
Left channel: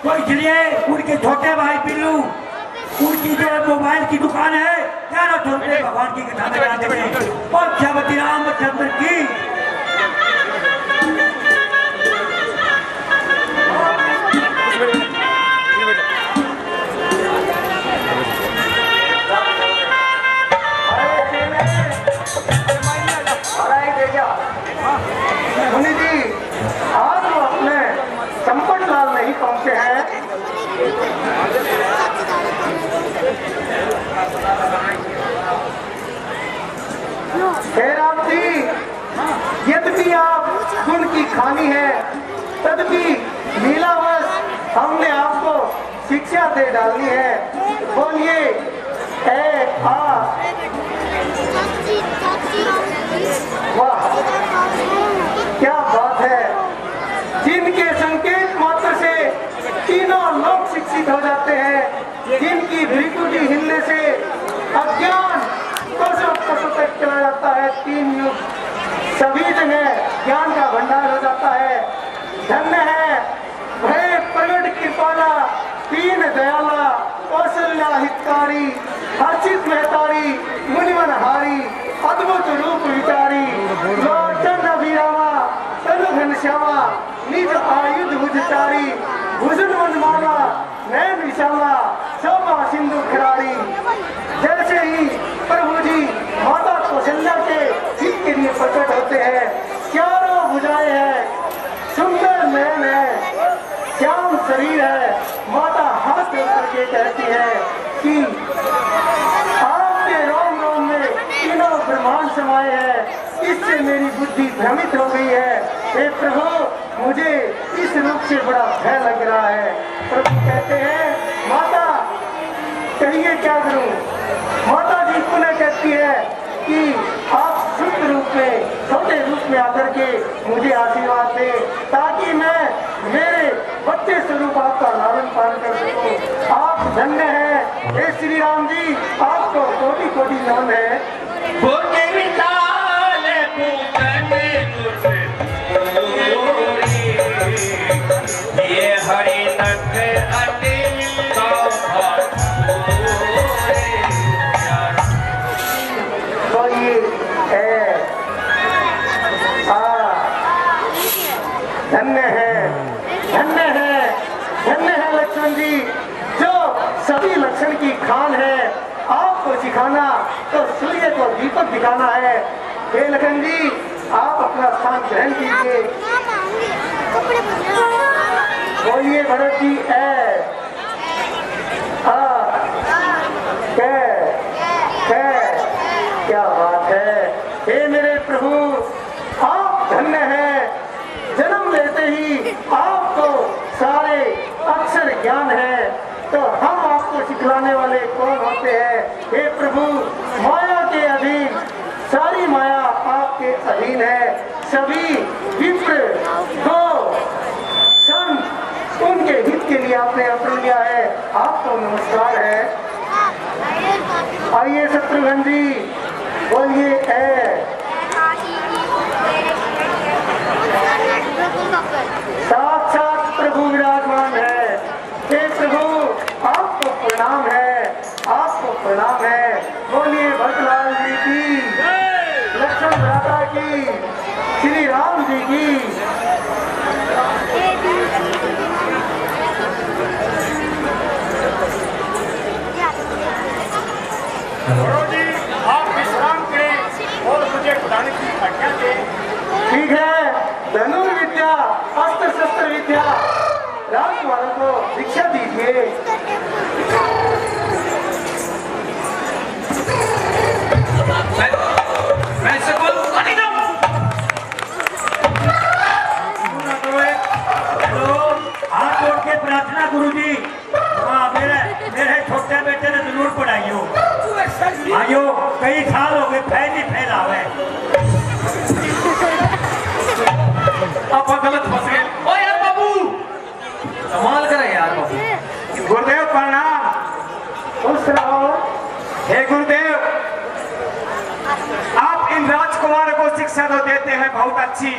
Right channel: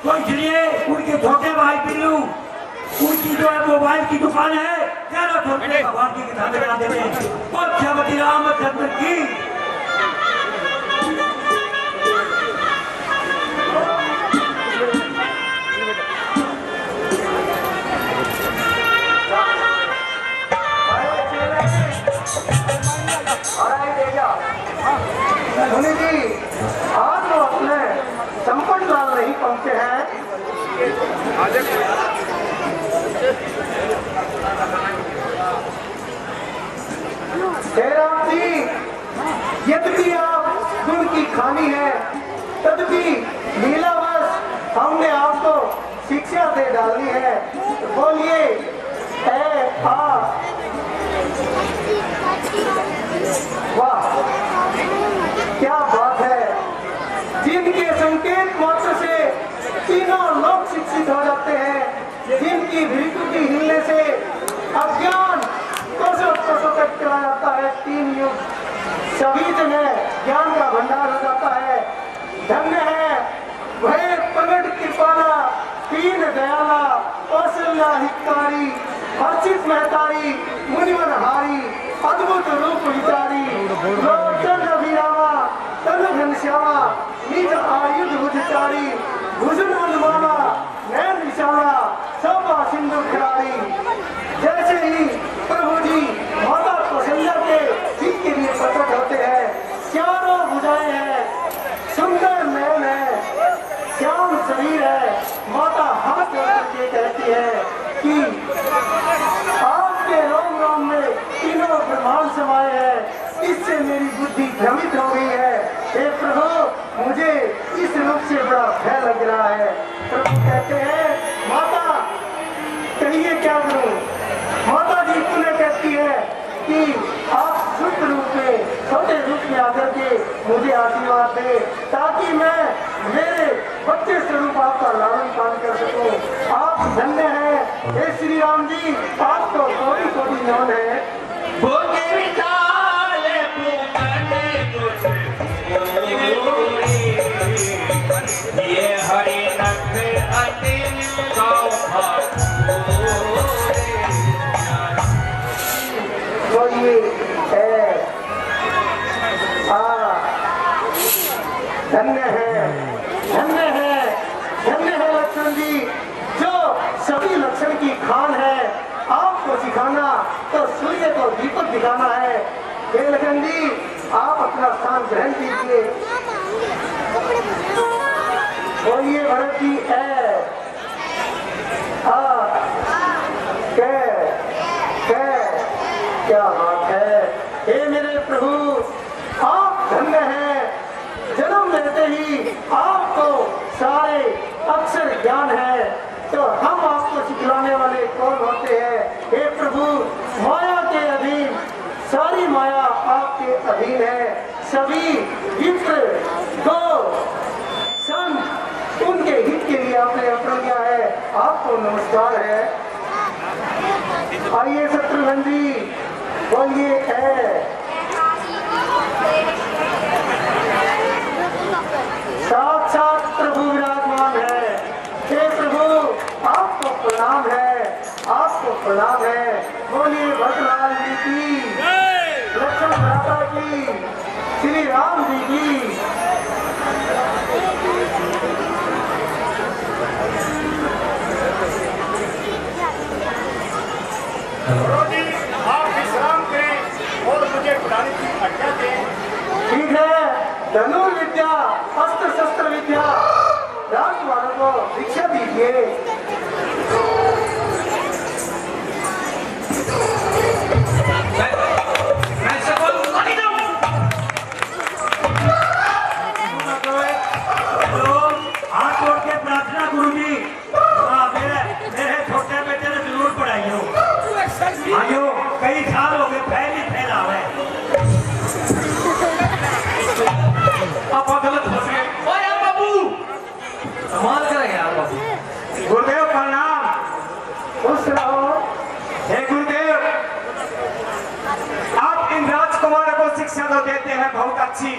तो इसलिए उनके छोटे भाई बिल्लू उनकी जो है मोबाइल की दुकान है, क्या ना छोटे भगवान की कथा में जाते हैं। और श्रीमती रामचंद्र की मुनि जी आज वो अपने संपट लाल नहीं पहुंचे हैं। जी यद्यपि आप गुण की खानी है तदपि लीलावश हमने आपको शिक्षा दे डालनी है। बोलिए ए आ। वाह क्या बात है। जिनके संकेत मात्र से तीनों लोग शिक्षित हो जाते हैं, जिनकी भ्रिकुटी हिलने से अज्ञान कोसों तक चला जाता है, तीन युग सभी जगह ज्ञान का भंडार हो जाता है। धन्य है वह प्रगट कृपाला तीन दयाला कौशल्या हितकारी हर्षित महतारी मुनिवन हारी अद्भुत रूप विचारी लोचन अभिरामा तनु घनश्यामा निज आयुध भुजचारी भुजन वनमाला नैन विशाला शोभा सिंधु खिलाड़ी। जैसे ही प्रभु जी माता कौशल्या के हित के लिए प्रकट होते हैं, चारों भुजाएं हैं, सुंदर नयन है, श्याम शरीर है। माता हाथ जोड़ करके कहती है कि आपके रोम रोम में तीनों ब्रह्मांड समाये हैं, इससे मेरी बुद्धि भ्रमित हो गई है। हे प्रभु मुझे इस रूप से बड़ा भय लग रहा है। प्रभु कहते हैं माता कहिए क्या करूं। माता जी पुनः कहती है कि आप शुद्ध रूप में छोटे रूप में आकर के मुझे आशीर्वाद दे ताकि मैं मेरे बच्चे स्वरूप आपका लालन पालन कर सकूं। आप धन्य हैं हे श्री राम जी, आपको कोटि कोटि नमन है। ये हरि तो ये धन्य है लक्ष्मण जी, जो सभी लक्षण की खान है। आपको सिखाना तो सूर्य को दीपक दिखाना है। हे लखन जी आप अपना स्थान ग्रहण कीजिए। बोलिए भरत जी क्या बात है। हे मेरे प्रभु आप धन्य हैं, जन्म लेते ही आपको सारे अक्षर ज्ञान है, तो हम आपको सिखलाने वाले कौन होते हैं। हे प्रभु माया के अधीन सारी माया आपके अधीन है। सभी विप्र गो संत उनके हित के लिए आपने अवसर लिया है, आपको नमस्कार है। आइए शत्रुघ्न जी, बोलिए साक्षात प्रभु विराजमान है। हे प्रभु, आपको प्रणाम है, आपको प्रणाम है। बोलिए भटलाल जी की, लक्ष्मण भ्राता की, श्री राम जी की। जी आप विश्राम करें और मुझे बुलाने की आज्ञा दें। ठीक है, धनुर्विद्या, अस्त्र शस्त्र विद्या राजकुमारों को दीक्षा दीजिए। मैं सफल नहीं दूं। हाथ जोड़ के प्रार्थना गुरुजी, मेरे छोटे बेटे ने जरूर पढ़ाई हो। आयो कई साल हो गए, फैल ही फैला हुआ है। आप गलत फंस गए। ओ यार बाबू, कमाल करे यार बाबू। गुरुदेव प्रणाम। खुश रहो। हे गुरुदेव, आप इन राजकुमारों को शिक्षा तो देते हैं बहुत अच्छी,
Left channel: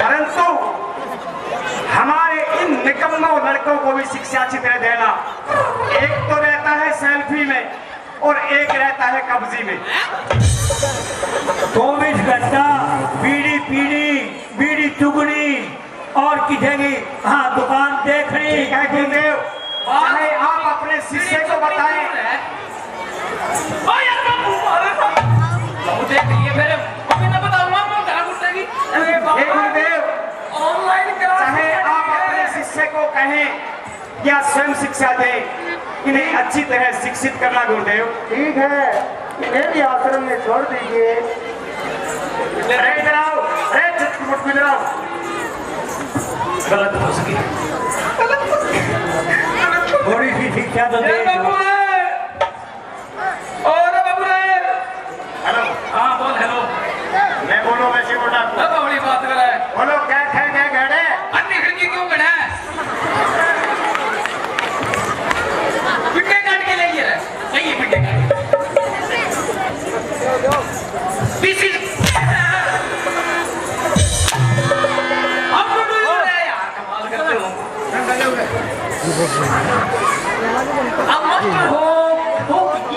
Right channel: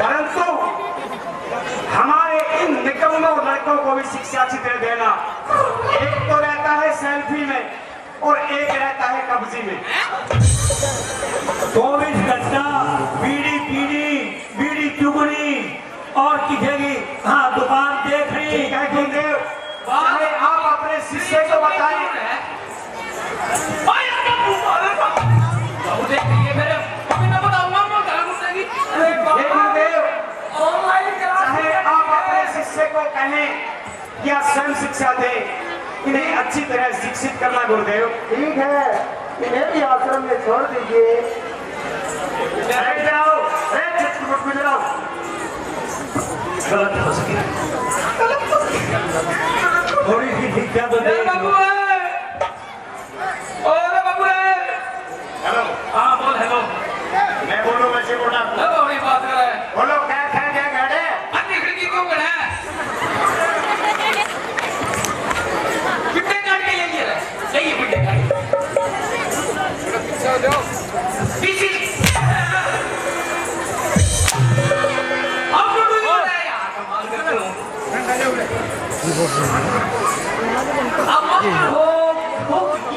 परंतु हमारे इन निकम्मों लड़कों को भी शिक्षा अच्छी तरह देना। एक तो रहता है सेल्फी में और एक रहता है कब्जी में। 24 घंटा बीड़ी पीड़ी, बीड़ी चुगनी और किधेगी हाँ दुकान देख रही। ठीक है गुरुदेव, चाहे आप अपने शिष्य को बताएं। बाबू देख लिए फिर अभी ना बताऊंगा मैं घर घुसेगी। हे गुरुदेव, ऑनलाइन चाहे आप अपने शिष्य को कहें या स्वयं शिक्षा दें, इन्हें अच्छी तरह शिक्षित करना गुरुदेव। ठीक है, इन्हें भी आश्रम में छोड़ दीजिए। इधर आओ, चित्रकूट में इधर आओ। गलत फंस गई। थोड़ी सी शिक्षा तो दे। हेलो, हाँ बोल हेलो। मैं बोलो वैसे बोलना। बड़ी बात कर रहा है। बोलो क्या खाए क्या गाड़े। अन्य खिड़की क्यों गड़ा है? पिट्टे काट के ले लिया है। नहीं पिट्टे काट। किसी अब तो डूब रहा है यार, कमाल करते हो। अब मत हो।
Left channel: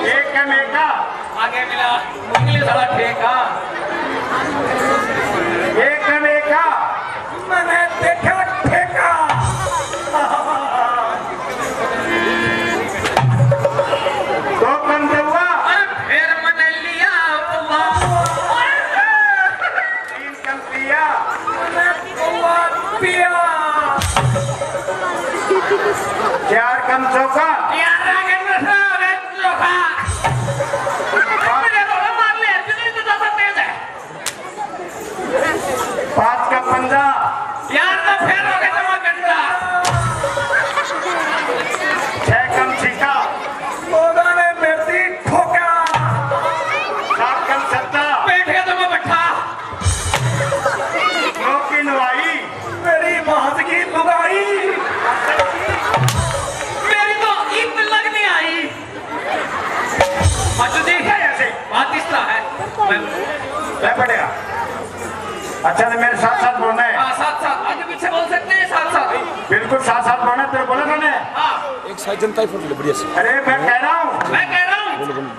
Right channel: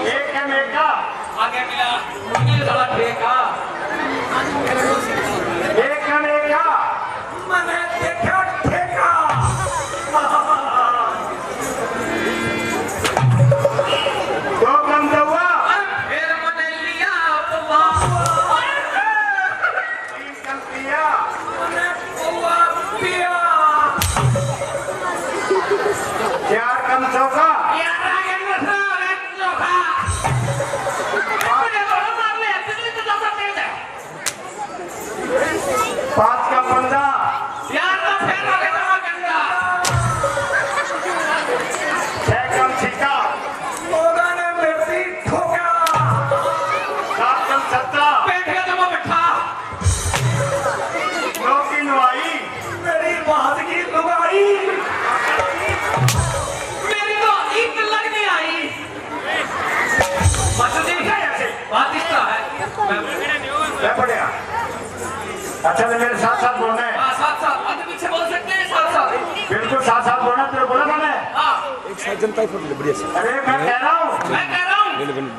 एक है मेका, आगे मिला इंग्लिश वाला ठेका। एक है मेका। मैंने देखा ठेका। दो कम हुआ, फिर मैंने लिया तीन कम पिया, पिया। चार कम चौका, यार आगे बढ़ो, आगे चोखा। मुझे थोड़ा मार ले, तुझे तो जबरदस्त तेज है। पांच का पंजा, यार तो फिर हो गया तुम्हारा गंदा। छह कम छिका, ओदा ने मेरी ठोका। सात कम छत्ता, बैठ गया तो मैं बैठा। नौ की नुआई, मेरी बात की लुगाई। मेरी तो ईद लगने आई। माचू जी बात किसका है? ले पड़ेगा। अच्छा तो मेरे साथ साथ बोलना है। हाँ साथ साथ आगे पीछे बोल सकते हैं साथ साथ। बिल्कुल साथ साथ बोलना है, तेरे बोला था मैं। हाँ अरे मैं कह रहा हूँ, मैं कह रहा हूँ।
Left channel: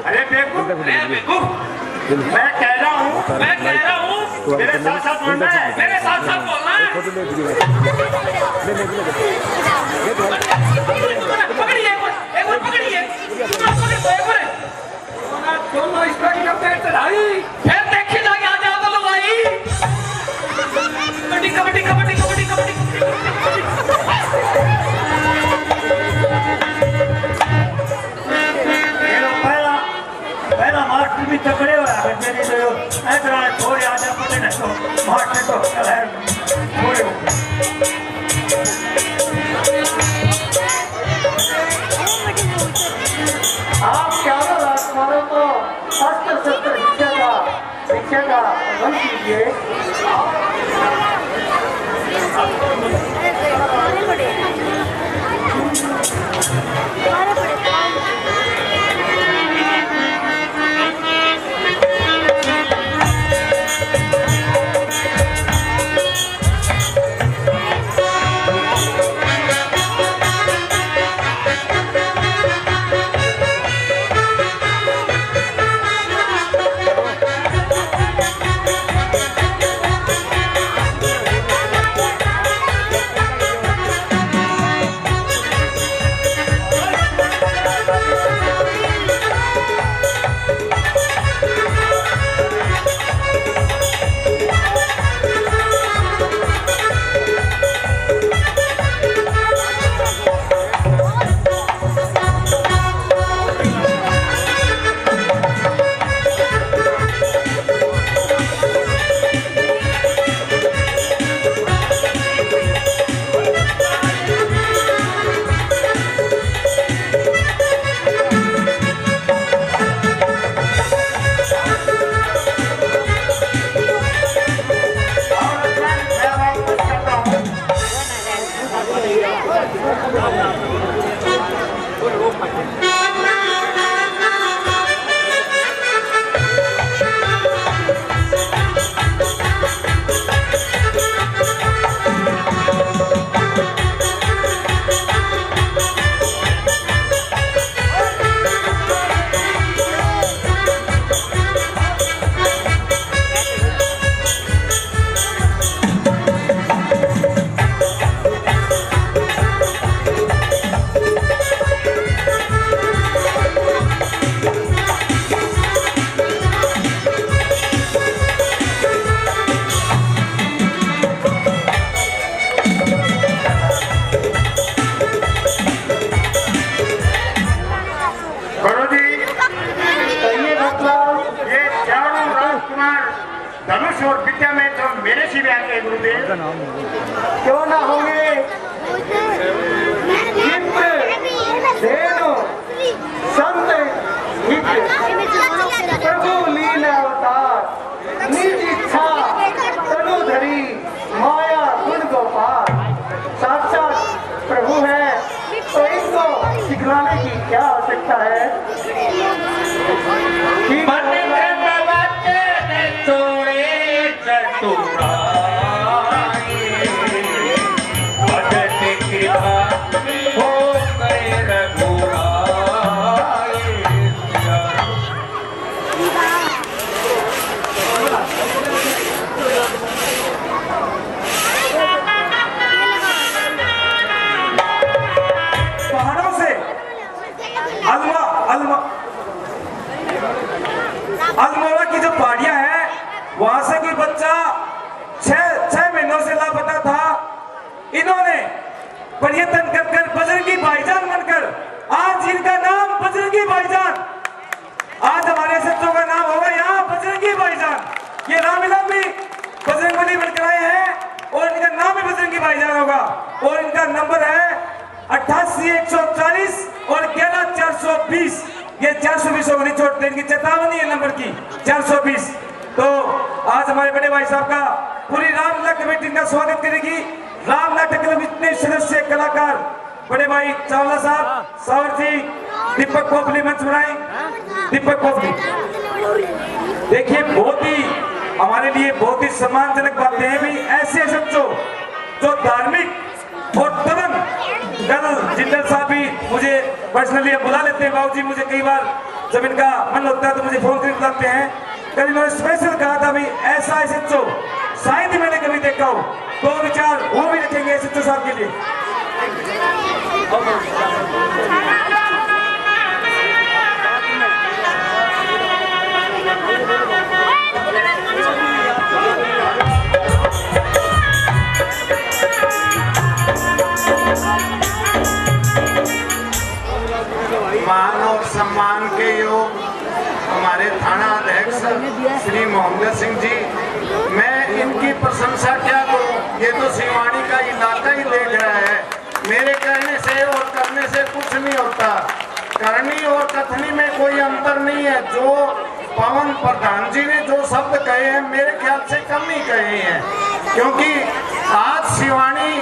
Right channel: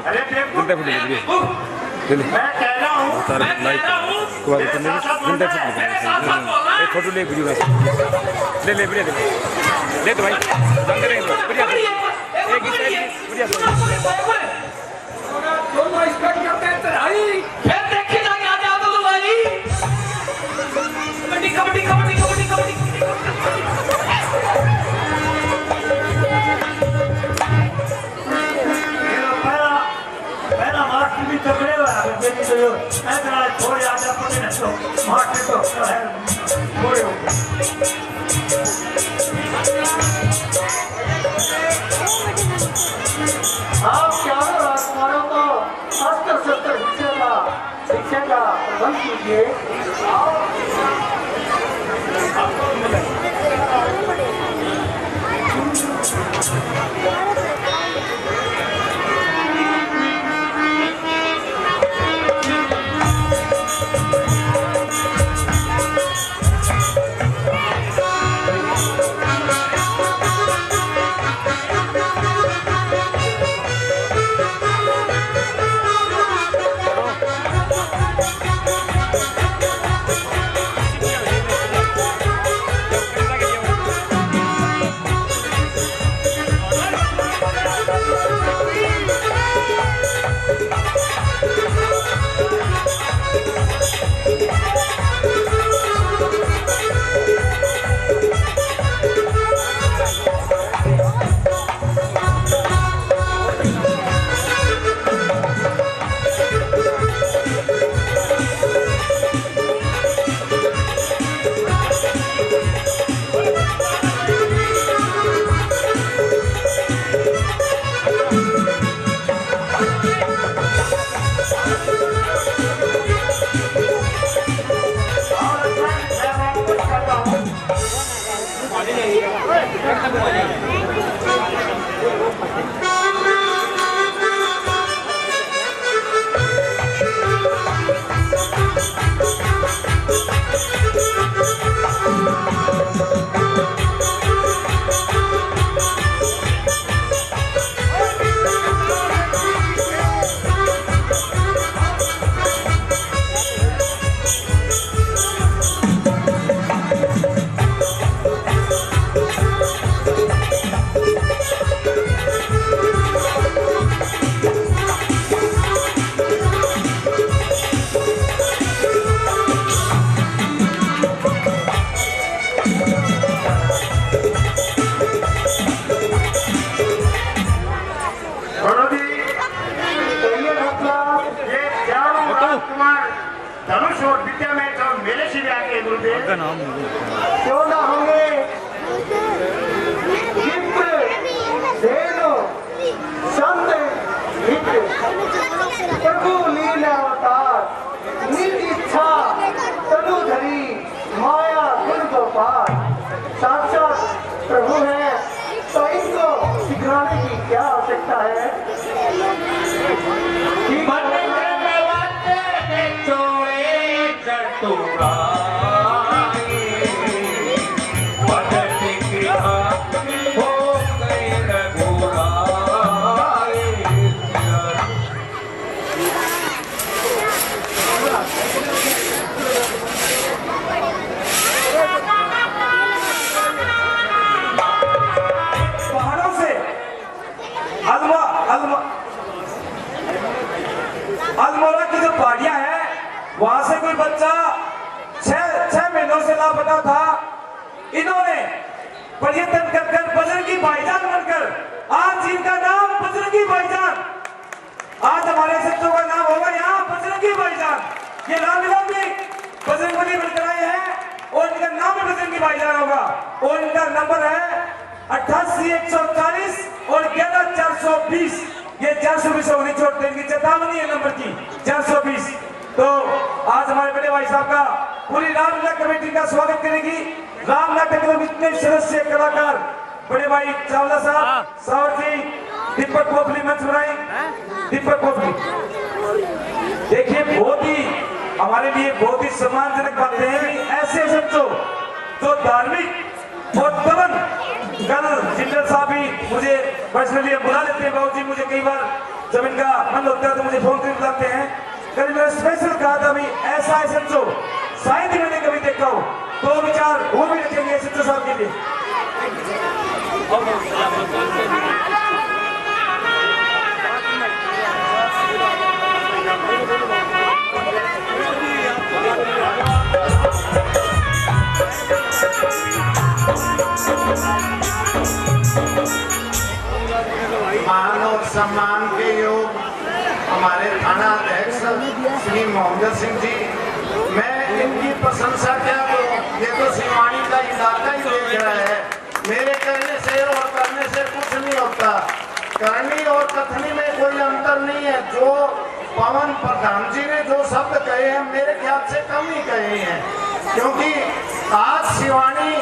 अरे बेवकूफ, मैं बेवकूफ। मैं कह रहा हूँ, मैं कह रहा हूँ। मेरे साथ साथ बोलना है। मेरे साथ साथ बोलना है। पकड़िए पकड़िए। दोनों स्पेक्ट करते हैं चढ़ाई। फिर देखी जाके आ जाओ तो भाई। कबड्डी कबड्डी कबड्डी कबड्डी कबड्डी। पहला मास्टर भी तगड़े हो रहा है मेरी तो ऐसा थोड़े आजा पड़े ना तो मास्टर तो थोड़े हो आप चारों राजकुमारों को अस्त्र शस्त्र शिक्षा का प्रबंध कीजिए। धनुष और विद्या में तो मेरे से भी आते हैं गुरुदेव। क्यों ना होंगे? विप्र, धेनु, संत, हित, प्रभु लीला अवतार, निज इच्छा तनुधरी, माया गुण गोपाल, साक्षात प्रभु है। तो इनको सिखलाने की क्या आवश्यकता है? पहाड़ों से अल्मोड़ा की जो पहाड़ियां हैं वहां से कोई बच्चा छह महीनों से लापता था। इन्होंने पर्यटन कर बजरंगी भाईजान बनकर आज इनका नाम बजरंगी भाईजान, आज हमारे सच्चों का नाम होगा यहाँ बजरंगी भाईजान। ये नाम मिला भी बजरंगबली बनकर आए हैं और इनका नाम भी बजरंगी भाईजान होगा। और इनका नंबर है 88 140 और 11 420। ये 420 होने छोड़ते इनकी चेतावनी है नंबर की 420। तो आज हमारे बड़े भाई साहब का पूरी रामलीला कमेटी का स्वागत करेगी। राम नाटक में इतने सदस्य कलाकार बड़े भाई चावला साहब, सावर जी, दीपक कोपली मंच बनाए। दीपक कोपली देखिए बहुत ही हमारे लिए बहुत ही सम्मानजनक बातें हैं भी ऐसे सच्चों जो धार्मिक और दमन कल जिंदल साहब भी मुझे पर्सनली बुला लेते हैं। बाबू जी मुझे कई बार जब इनका मन होता है तो मुझे फोन कर बुलाते हैं। कल मैंने स्पेशल कहा था भाई ऐसा है सच्चो शायद मैंने कभी देखा हो, तो विचार वो भी रखेंगे सच्चो साहब के लिए। मान और सम्मान के योग हमारे थाना अध्यक्ष श्री मोहम्मद सिंह जी, मैं इनकी प्रशंसा क्या करूं, ये तो सिवानी का इलाका ही देख रहा है। मेरे कहने से और करने से कुछ नहीं होता, करनी और कथनी में कोई अंतर नहीं है। जो पवन प्रधान जी ने जो शब्द कहे हैं मेरे ख्याल से कम नहीं कहे हैं, क्योंकि आज सिवानी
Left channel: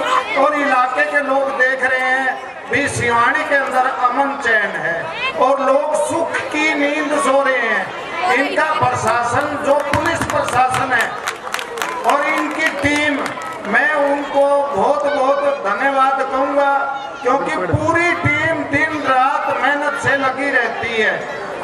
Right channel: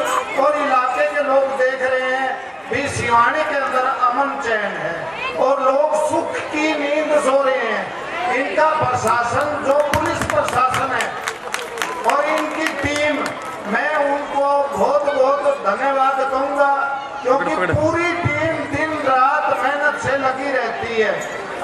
और इलाके के लोग देख रहे हैं भी सिवानी के अंदर अमन चैन है और लोग सुख की नींद सो रहे हैं। इनका प्रशासन जो पुलिस प्रशासन है और इनकी टीम, मैं उनको बहुत बहुत धन्यवाद कहूँगा, क्योंकि पूरी टीम दिन रात मेहनत से लगी रहती है।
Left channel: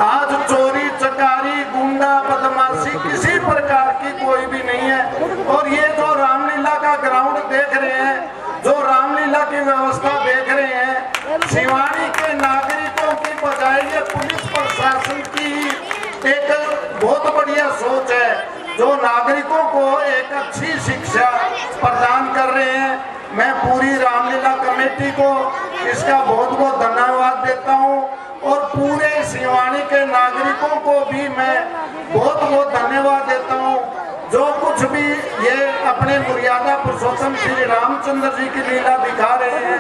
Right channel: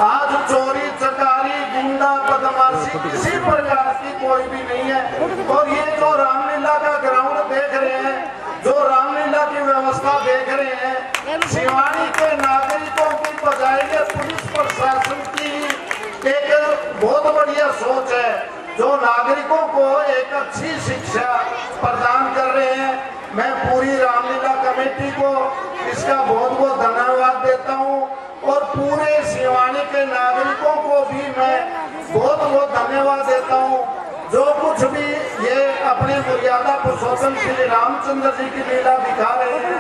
आज चोरी चकारी गुंडा बदमाशी किसी प्रकार की कोई भी नहीं है। और ये जो रामलीला का ग्राउंड देख रहे हैं, जो रामलीला की व्यवस्था देख रहे हैं, सिवानी के नागरिकों की बजाय ये पुलिस प्रशासन की एक बहुत बढ़िया सोच है, जो नागरिकों को एक अच्छी शिक्षा प्रदान कर रहे हैं। मैं पूरी रामलीला कमेटी को इसका बहुत बहुत धन्यवाद देता हूं और पूरे सिवानी के नागरिकों को भी मैं बहुत बहुत धन्यवाद देता हूं, जो कुछ भी ये अपने मर्यादा पुरुषोत्तम श्री रामचंद्र जी की लीला दिखा रहे हैं,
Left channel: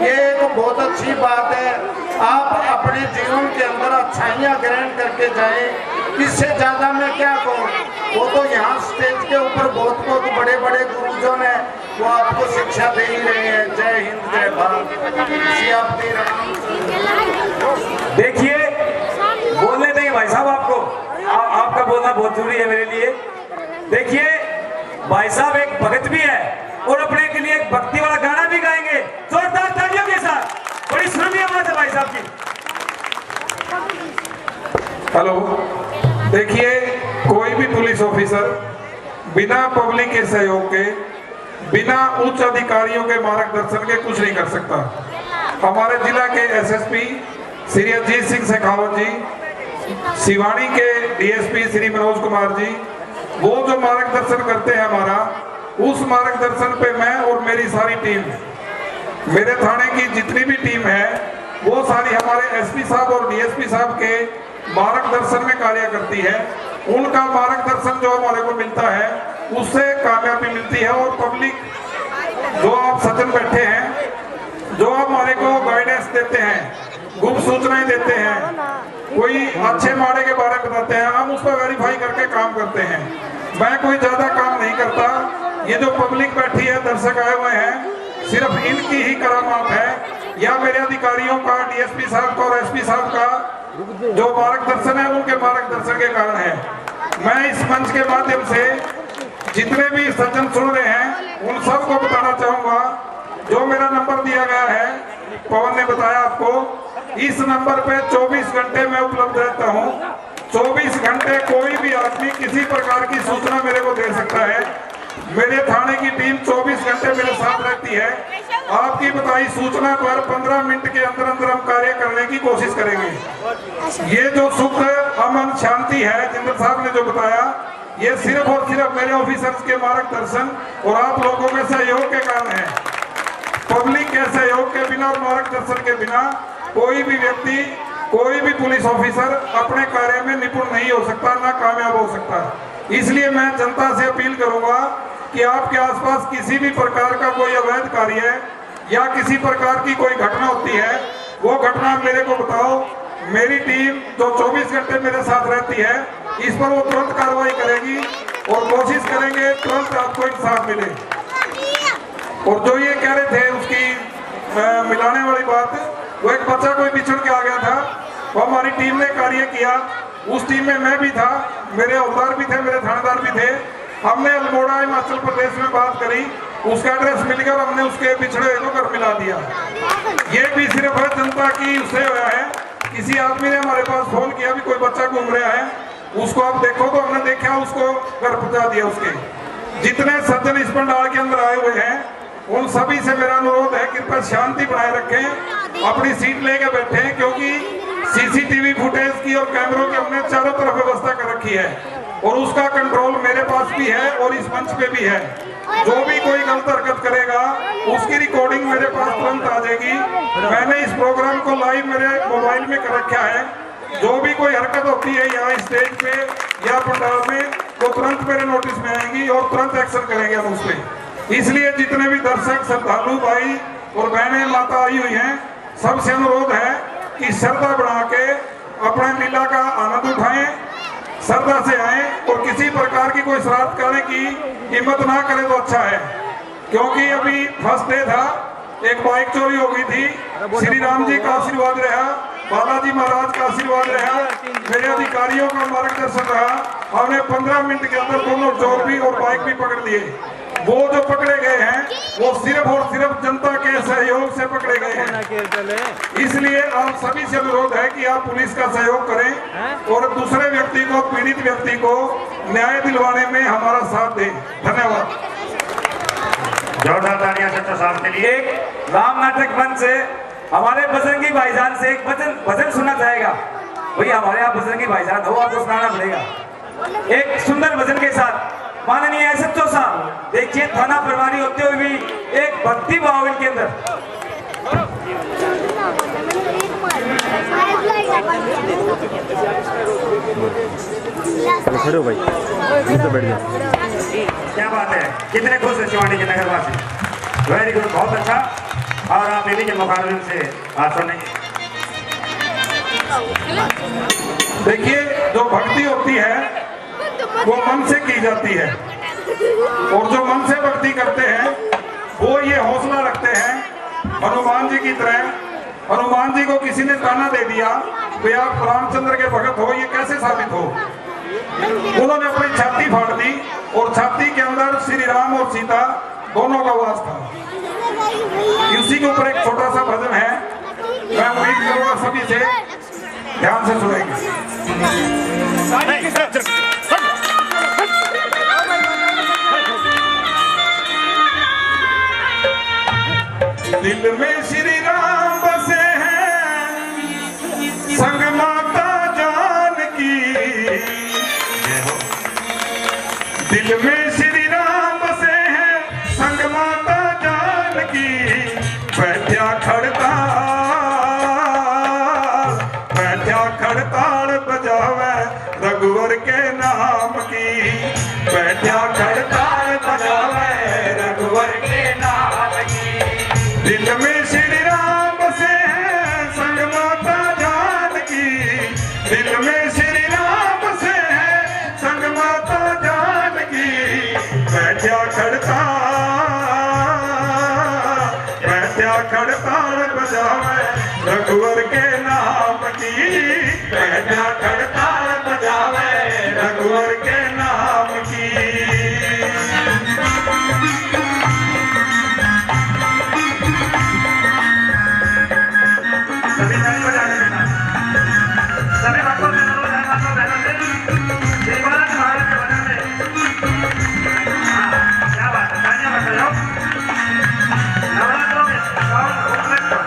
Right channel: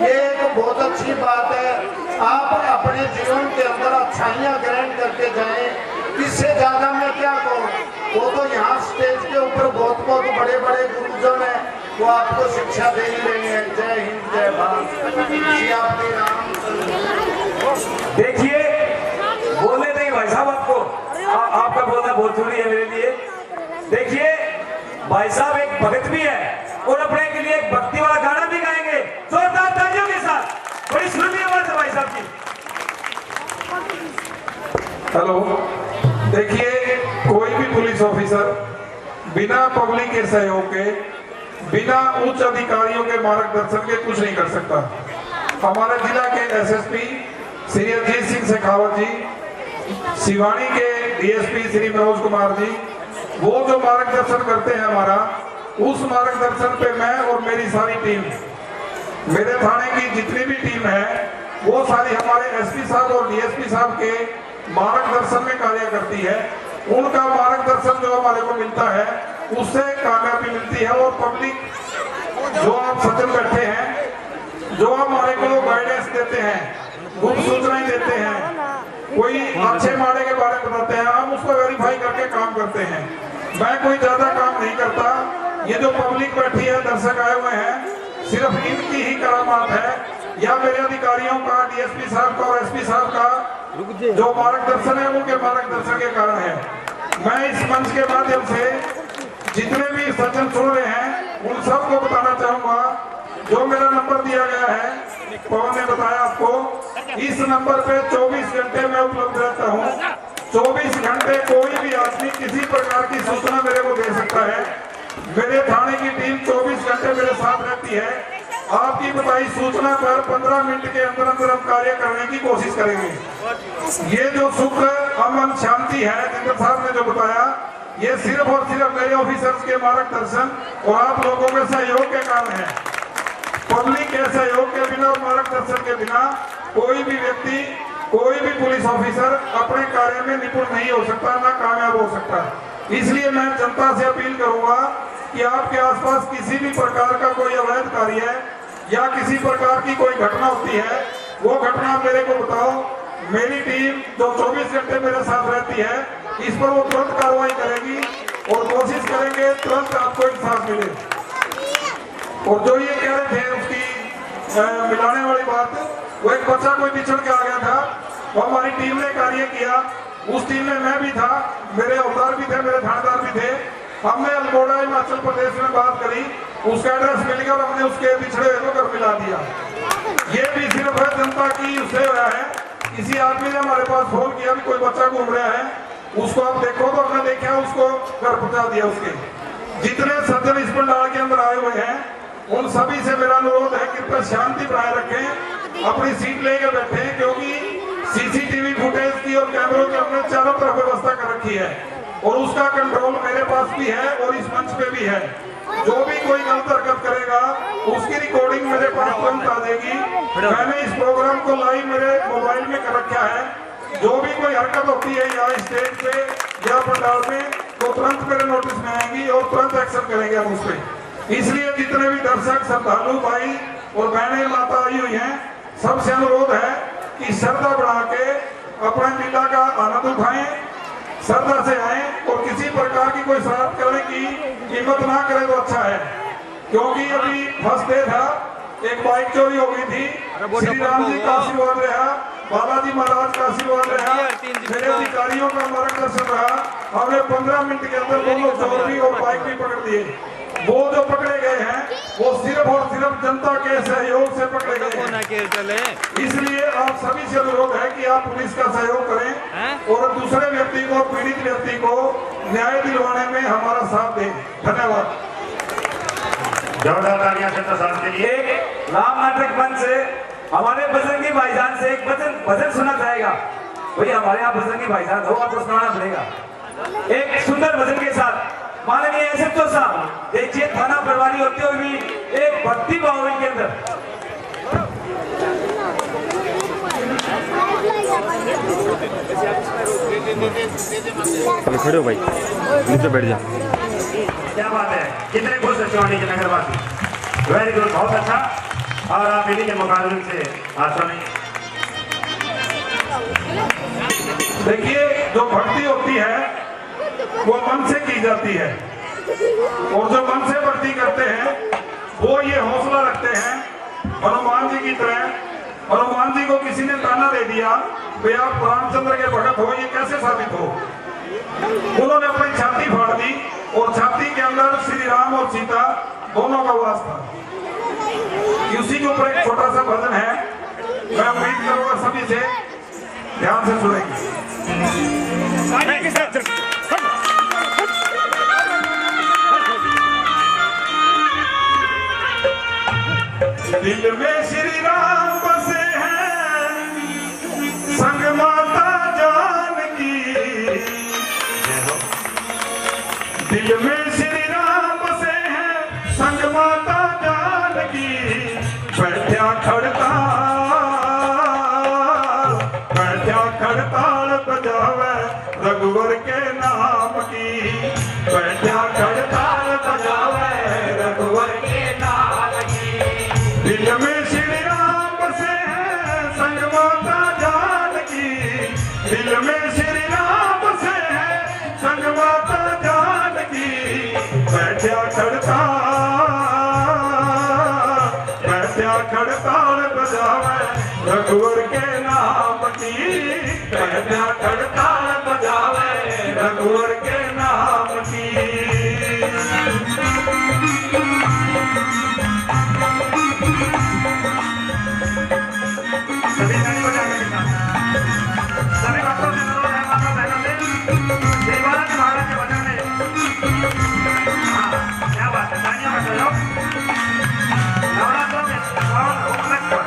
ये एक बहुत अच्छी बात है। आप अपने जीवन के अंदर अच्छाइयाँ ग्रहण करके जाएं, इससे ज्यादा मैं क्या कहूँ। वो तो यहाँ स्टेज के ऊपर बहुत बहुत बड़े बड़े गुरुजन हैं, वो आपको शिक्षा दे ही रहे हैं। जय हिंद। जय भारत सियापति राम। देखिए बोलने देंगे भाई साहब आपको, आपका बोलना बहुत जरूरी है मेरे लिए। देखिए भाई साहब एक भगत भी है और अपने के लिए एक भक्ति वाला गाना भी गाएंगे जोरदार तालियों के साथ। बड़ी सुरीली आवाज है भाई साहब की। हेलो, देखिए कोई भी पुलिस ऑफिसर बिना पब्लिक के सहयोग के, बिना उच्च अधिकारियों के मार्गदर्शन के कुछ नहीं कर सकता। हमारे जिला के एसएसपी श्री अजीत सिंह शेखावत जी, सिवानी के डीएसपी श्री मनोज कुमार जी, वो जो मार्गदर्शन करते हैं हमारा, उस मार्गदर्शन पे मैं और मेरी सारी टीम, मेरे थाने की जितनी भी टीम है, वो सारी हमारे एसपी साहब और डीएसपी साहब के मार्गदर्शन में कार्य करती है। उनका मार्गदर्शन जो हमारे को मिलता है उससे कामयाबी मिलती है। और पब्लिक जो आप सज्जन बैठे हैं, जो हमारे को गाइडेंस देते हैं, गुप्त सूचनाएं देते हैं, कोई अच्छे माड़े के बारे में बताते हैं, हम उसको वेरीफाई करके काम करते हैं। मैं कोई ज्यादा काम नहीं करता। ये जो पब्लिक बैठी है, दर्शक आए हुए हैं, सिर्फ इनकी ही करामात है या मेरे अधिकारियों का, डीएसपी साहब का और एसपी साहब का जो मार्गदर्शन है, उनके मार्गदर्शन के कारण है। मैं इस मंच के माध्यम से जितने भी सज्जन सुन रहे हैं उन सबको बताना चाहूंगा, जो मेरा नंबर दिया गया है, पवन ने बताया आपको, इस नंबर पे 24 घंटे मैं उपलब्ध रहता हूँ। 24 घंटे कोई भी आदमी किसी प्रकार की सूचना मेरे को दे सकता है। मेरे थाने की टीम 24 घंटे मेरे साथ रहती है। आपकी बताई सूचना पर 15 मिनट के अंदर अंदर हम कार्य करने की कोशिश करेंगे। ये जो सुख, अमन, शांति है जिंदर साहब ने जो बताया, ये सिर्फ और सिर्फ मेरे ऑफिसर्स के मार्गदर्शन और आप लोगों के सहयोग के कारण है। पब्लिक के सहयोग के बिना और मार्गदर्शन के बिना कोई भी व्यक्ति, कोई भी पुलिस ऑफिसर अपने कार्य में निपुण नहीं हो सकता, ना कामयाब हो सकता। इसलिए मैं जनता से अपील करूंगा कि आपके आसपास किसी भी प्रकार का कोई अवैध कार्य है या किसी प्रकार की कोई घटना होती है, वो घटना मेरे को बताओ। मेरी टीम जो 24 घंटे मेरे साथ रहती है, इस पर वो तुरंत कार्रवाई करेगी और कोशिश करेंगे तुरंत आपको इंसाफ मिले। और जो ये कह रहे थे उसकी मिलाने वाली बात, वो एक बच्चा कोई बिछड़ के आ गया था, वो हमारी टीम ने कार्य किया। उस टीम में मैं भी था, मेरे औजार भी थे, मेरे थानेदार भी थे। हमने अल्मोड़ा हिमाचल प्रदेश में बात करी, उसका एड्रेस मिल गया, हमने उसके बिछड़े को घर मिला दिया। ये भी सिर्फ है जनता की उससे हुआ है। किसी आदमी ने हमारे पास फोन किया भी कोई बच्चा घूम रहा है, उसको आप देखो, तो हमने देखा, उसको घर पहुंचा दिया। उसके जितने सज्जन इस पंडाल के अंदर आए हुए हैं, उन सभी से मेरा अनुरोध है कि कृपया शांति बनाए रखें, अपनी सीट लेके बैठे, क्योंकि सीसीटीवी फुटेज की और कैमरों की हमने चारों तरफ व्यवस्था कर रखी है और उसका कंट्रोल मेरे पास भी है और इस मंच पे भी है। जो भी कोई गलत हरकत करेगा उसकी रिकॉर्डिंग मेरे पास तुरंत आ जाएगी। मैंने इस प्रोग्राम को लाइव मेरे मोबाइल में कर रखा है। जो भी कोई हरकत होती है यहाँ स्टेज पे या पंडाल में, तो तुरंत मेरे नोटिस में आएगी और तुरंत एक्शन करेंगे हम उस पर। इसलिए जितने भी दर्शक, श्रद्धालु भाई और बहनें, माता आई हुई हैं, सबसे अनुरोध है कि श्रद्धा बढ़ा के अपना लीला का आनंद उठाएं, श्रद्धा से आए और किसी प्रकार की कोई शरारत करने की हिम्मत ना करें तो अच्छा है। क्योंकि अभी फर्स्ट डे था, एक बाइक चोरी हो गई थी। श्री राम जी का आशीर्वाद रहा, बालाजी महाराज का आशीर्वाद रहा, मेरे अधिकारियों का मार्गदर्शन रहा। हमने 15 मिनट के अंदर दोनों चोर भी और बाइक भी पकड़ लिए। वो जो पकड़े गए हैं वो सिर्फ और सिर्फ जनता के सहयोग से पकड़े गए हैं। इसलिए आप सभी से अनुरोध है कि आप पुलिस का सहयोग करें और दूसरे व्यक्ति को, पीड़ित व्यक्ति को न्याय दिलवाने में हमारा साथ दें। धन्यवाद। जोरदार तालियां सत्ता साहब के लिए। एक राम नाटक मंच से हमारे बजरंगी भाईजान से एक भजन सुनना चाहेगा। भैया हमारे यहाँ बजरंगी भाईजान हो, आपको सुनाना पड़ेगा एक सुंदर भजन के साथ। माननीय एसएचओ साहब, देखिए थाना प्रभारी होते हुए भी एक भक्ति भाव के अंदर। खड़े हो भाई, नीचे बैठ जा। क्या बात है, कितने खुश है शिवानी के नगरवासी। वेरी गुड, बहुत अच्छा। और आप इन्हीं के मुखारबिन से बात सुनेंगे। देखिए, जो भक्ति होती है वो मन से की जाती है और जो मन से भक्ति करते हैं वो ये हौसला रखते हैं हनुमान जी की तरह हनुमान जी को किसी ने ताना दे दिया कि आप रामचंद्र के भगत हो, ये कैसे साबित हो? उन्होंने अपनी छाती फाड़ दी और छाती के अंदर श्री राम और सीता दोनों का वास था। उसी के ऊपर एक छोटा सा भजन है, मैं उम्मीद करूंगा सभी से ध्यान से सुनेंगे। दिल में श्री राम बसे हैं, संग माता जानकी। दिल में श्री राम बसे हैं, संग माता जानकी। बैठा खड़ताल बजावे रघुवर के नाम की। बैठा खड़ताल बजावे रघुवर के नाम की। दिल में श्री राम बसे हैं, संग माता जानकी। दिल में श्री राम बसे हैं, संग माता जानकी। बैठा खड़ताल बजावे रघुवर के नाम की। बैठा खड़ताल बजावे रघुवर के नाम की। सभी ताली बजाने के साथ सभी भक्तों से अनुरोध है, माता बहनों से देवाला के महाराज के भजन में। हाँ, क्या बात है, तालियां बजाओ। नवरात्रों में सावन उपलक्ष्य पर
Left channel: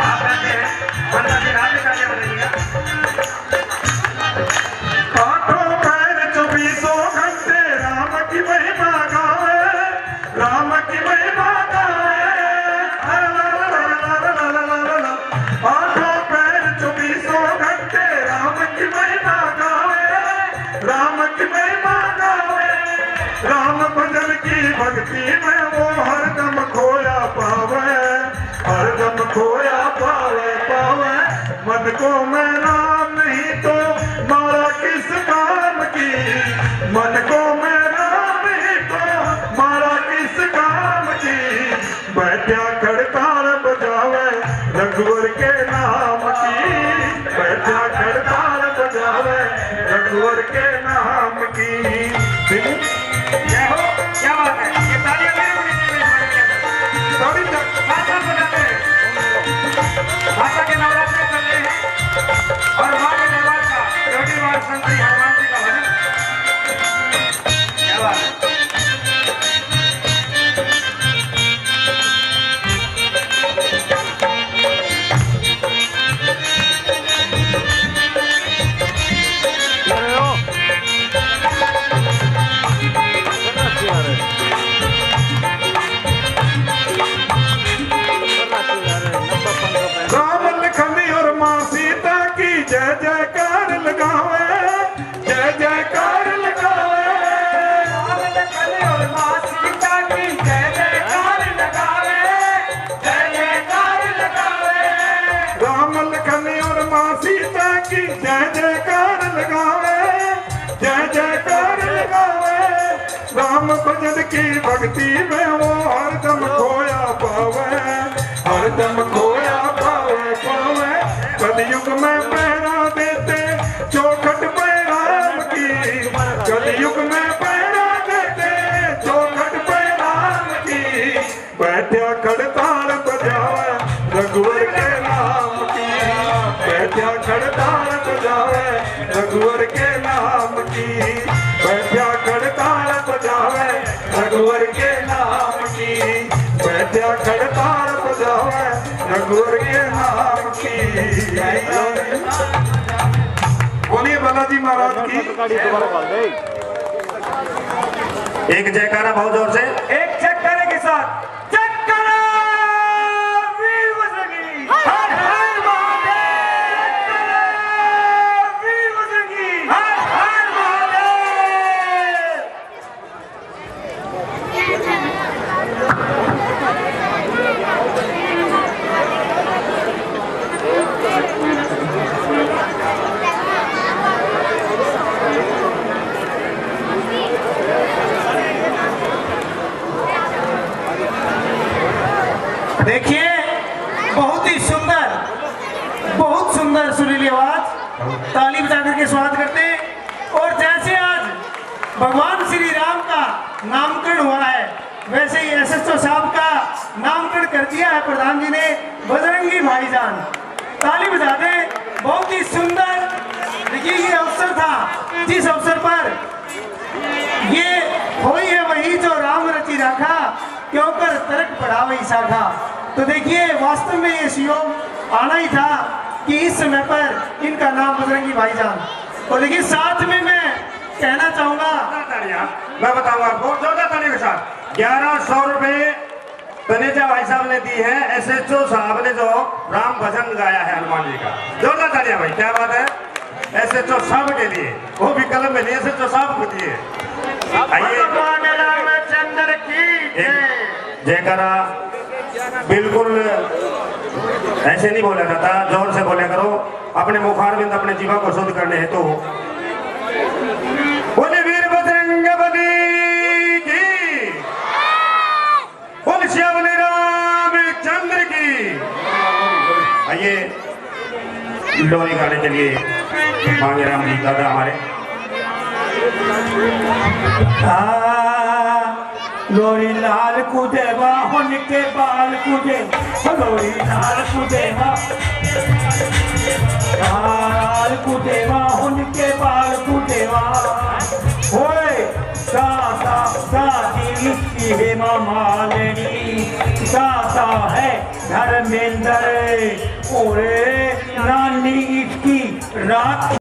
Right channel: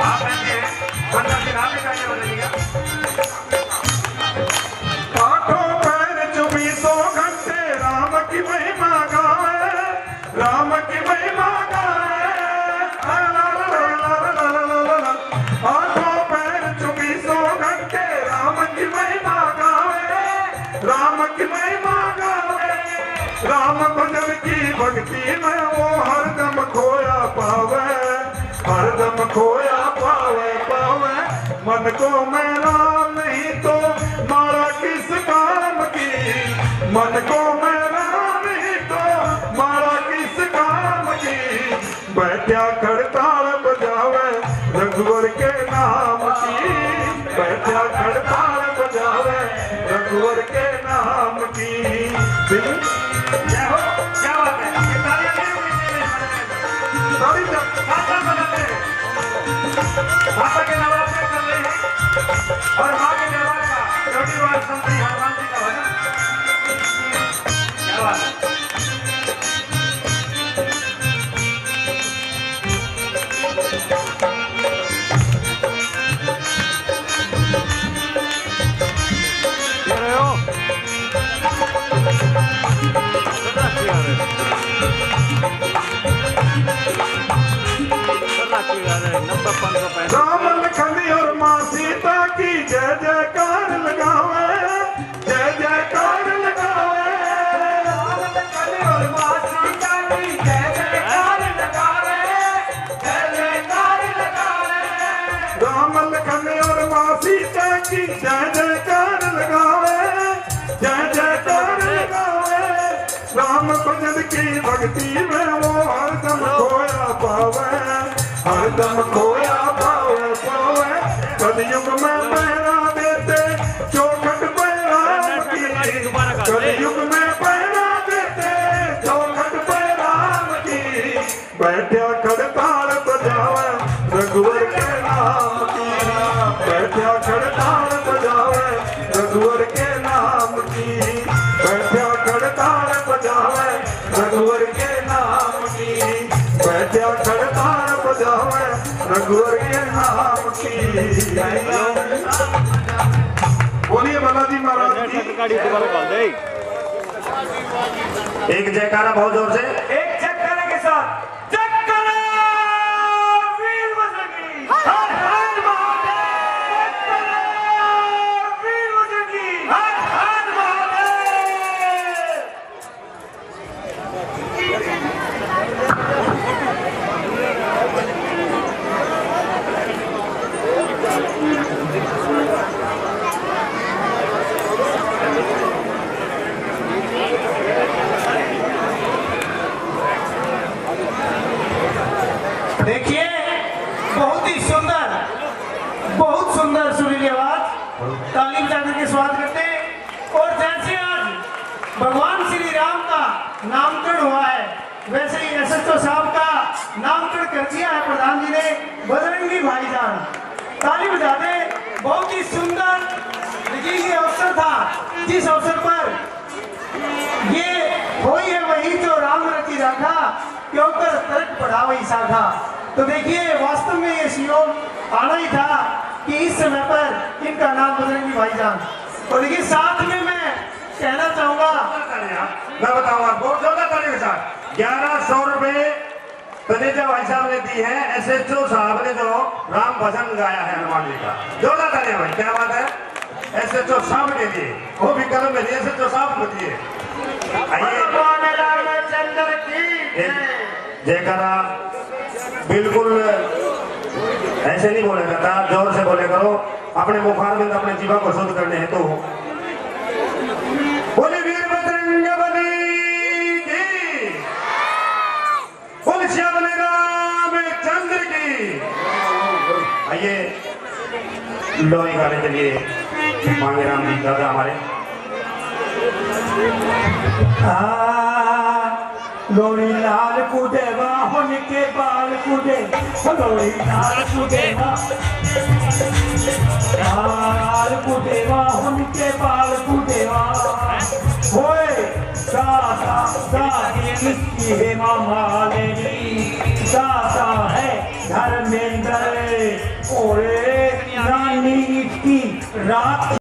आप ऐसे हैं, बंदा की रात में तालियां बजाइएगा। आठों पैर 24 घंटे राम की महिमा गावे, राम की महिमा गावे। आठों पैर 24 घंटे राम की महिमा गावे, राम की महिमा गावे। राम भजन की भक्ति में वो हरदम खोया पावे, हरदम खोया पावे पावे। मन को मैं राम नहीं तो मारा किस काम की। मन को मैं राम नहीं तो मारा किस काम की। बैठा खड़ताल बजावे रघुवर के नाम की। बैठा खड़ताल बजावे रघुवर के नाम की। जय हो, क्या बात है, ये तालियां सभी माता बजाते हैं। माता के नवरात्रि कर रहे हैं और माँ के दरबार का रविवार संतरी हनुमान जी का भजन। क्या बात है। राम लखन और माँ सीता की जय जयकार लगावे, जय जयकार लगावे। राम लखन और माँ सीता की जय जयकार लगावे, जय जयकार लगावे। राम लखन और माँ सीता की जय जयकार लगावे, जय जयकार लगावे। राम भजन की भक्ति में वो हरदम खोया पावे, हरदम खोया पावे पावे। कलयुग में पहरा देते चौखट पे राम की। कलयुग में पहरा देते चौखट पे राम की। बैठा खड़ताल बजावे रघुवर के नाम की। बैठा खड़ताल बजावे रघुवर के नाम की। बैठा खड़ताल बजावे रघुवर के नाम की। बैठा खड़ताल बजावे रघुवर के नाम की। बोलिए बालाजी महाराज की। एक जयकारा बहुत जोर से। एक चक्कर के साथ चक्कर वीर बजरंगी। हर हर महादेव। चक्कर वीर बजरंगी। हर हर महादेव। देखिए बहुत सुंदर सुरीली आवाज, ताली बजाकर के स्वागत करते हैं। और जैसे आज भगवान श्री राम का नामकरण हुआ है, वैसे ही एसएचओ साहब का नामकरण कर दिया है प्रधान जी ने, बजरंगी भाईजान। ताली बजा दे। बहुत ही सुंदर देखिए ये अवसर था जिस अवसर पर ये होई है वही जो राम रचि राखा, क्यों कर तर्क पढ़ा वही साखा। तो देखिए वास्तव में ये सुयोग आना ही था कि इस समय पर इनका नाम बजरंगी भाईजान। और देखिए साथ में मैं कहना चाहूंगा, मैं बताऊंगा आपको जोरदार ताली के साथ 1100 रुपए तनेजा भाई साहब ने दी है एसएचओ साहब ने जो राम भजन गाया है हनुमान जी का। जोरदार तालियां भाई, क्या बात है। एसएचओ साहब के लिए, वो भी कलम में लिए एसएचओ साहब के लिए। आइए रामचंद्र की जयकारा बिल्कुल ऐसे नहीं बोला जाता, जोर से बोले करो। अपने मुखारबिंद अपने जीवा को शुद्ध करने हैं तो बोले वीर बजरंगबली की, बोले श्याम रामचंद्र की। आइए लोरी गाने के लिए मांगे राम जी दादा हमारे। लोरी लाल कुदेवा उनके बाल कुदे, लोरी लाल कुदेवा लाल कुदेवा उनके बाल कुदेवा। ओए दादा दादी इसकी हेमा मालिनी, दादा है धर्मेंद्र, ओरे नानी इसकी राखी।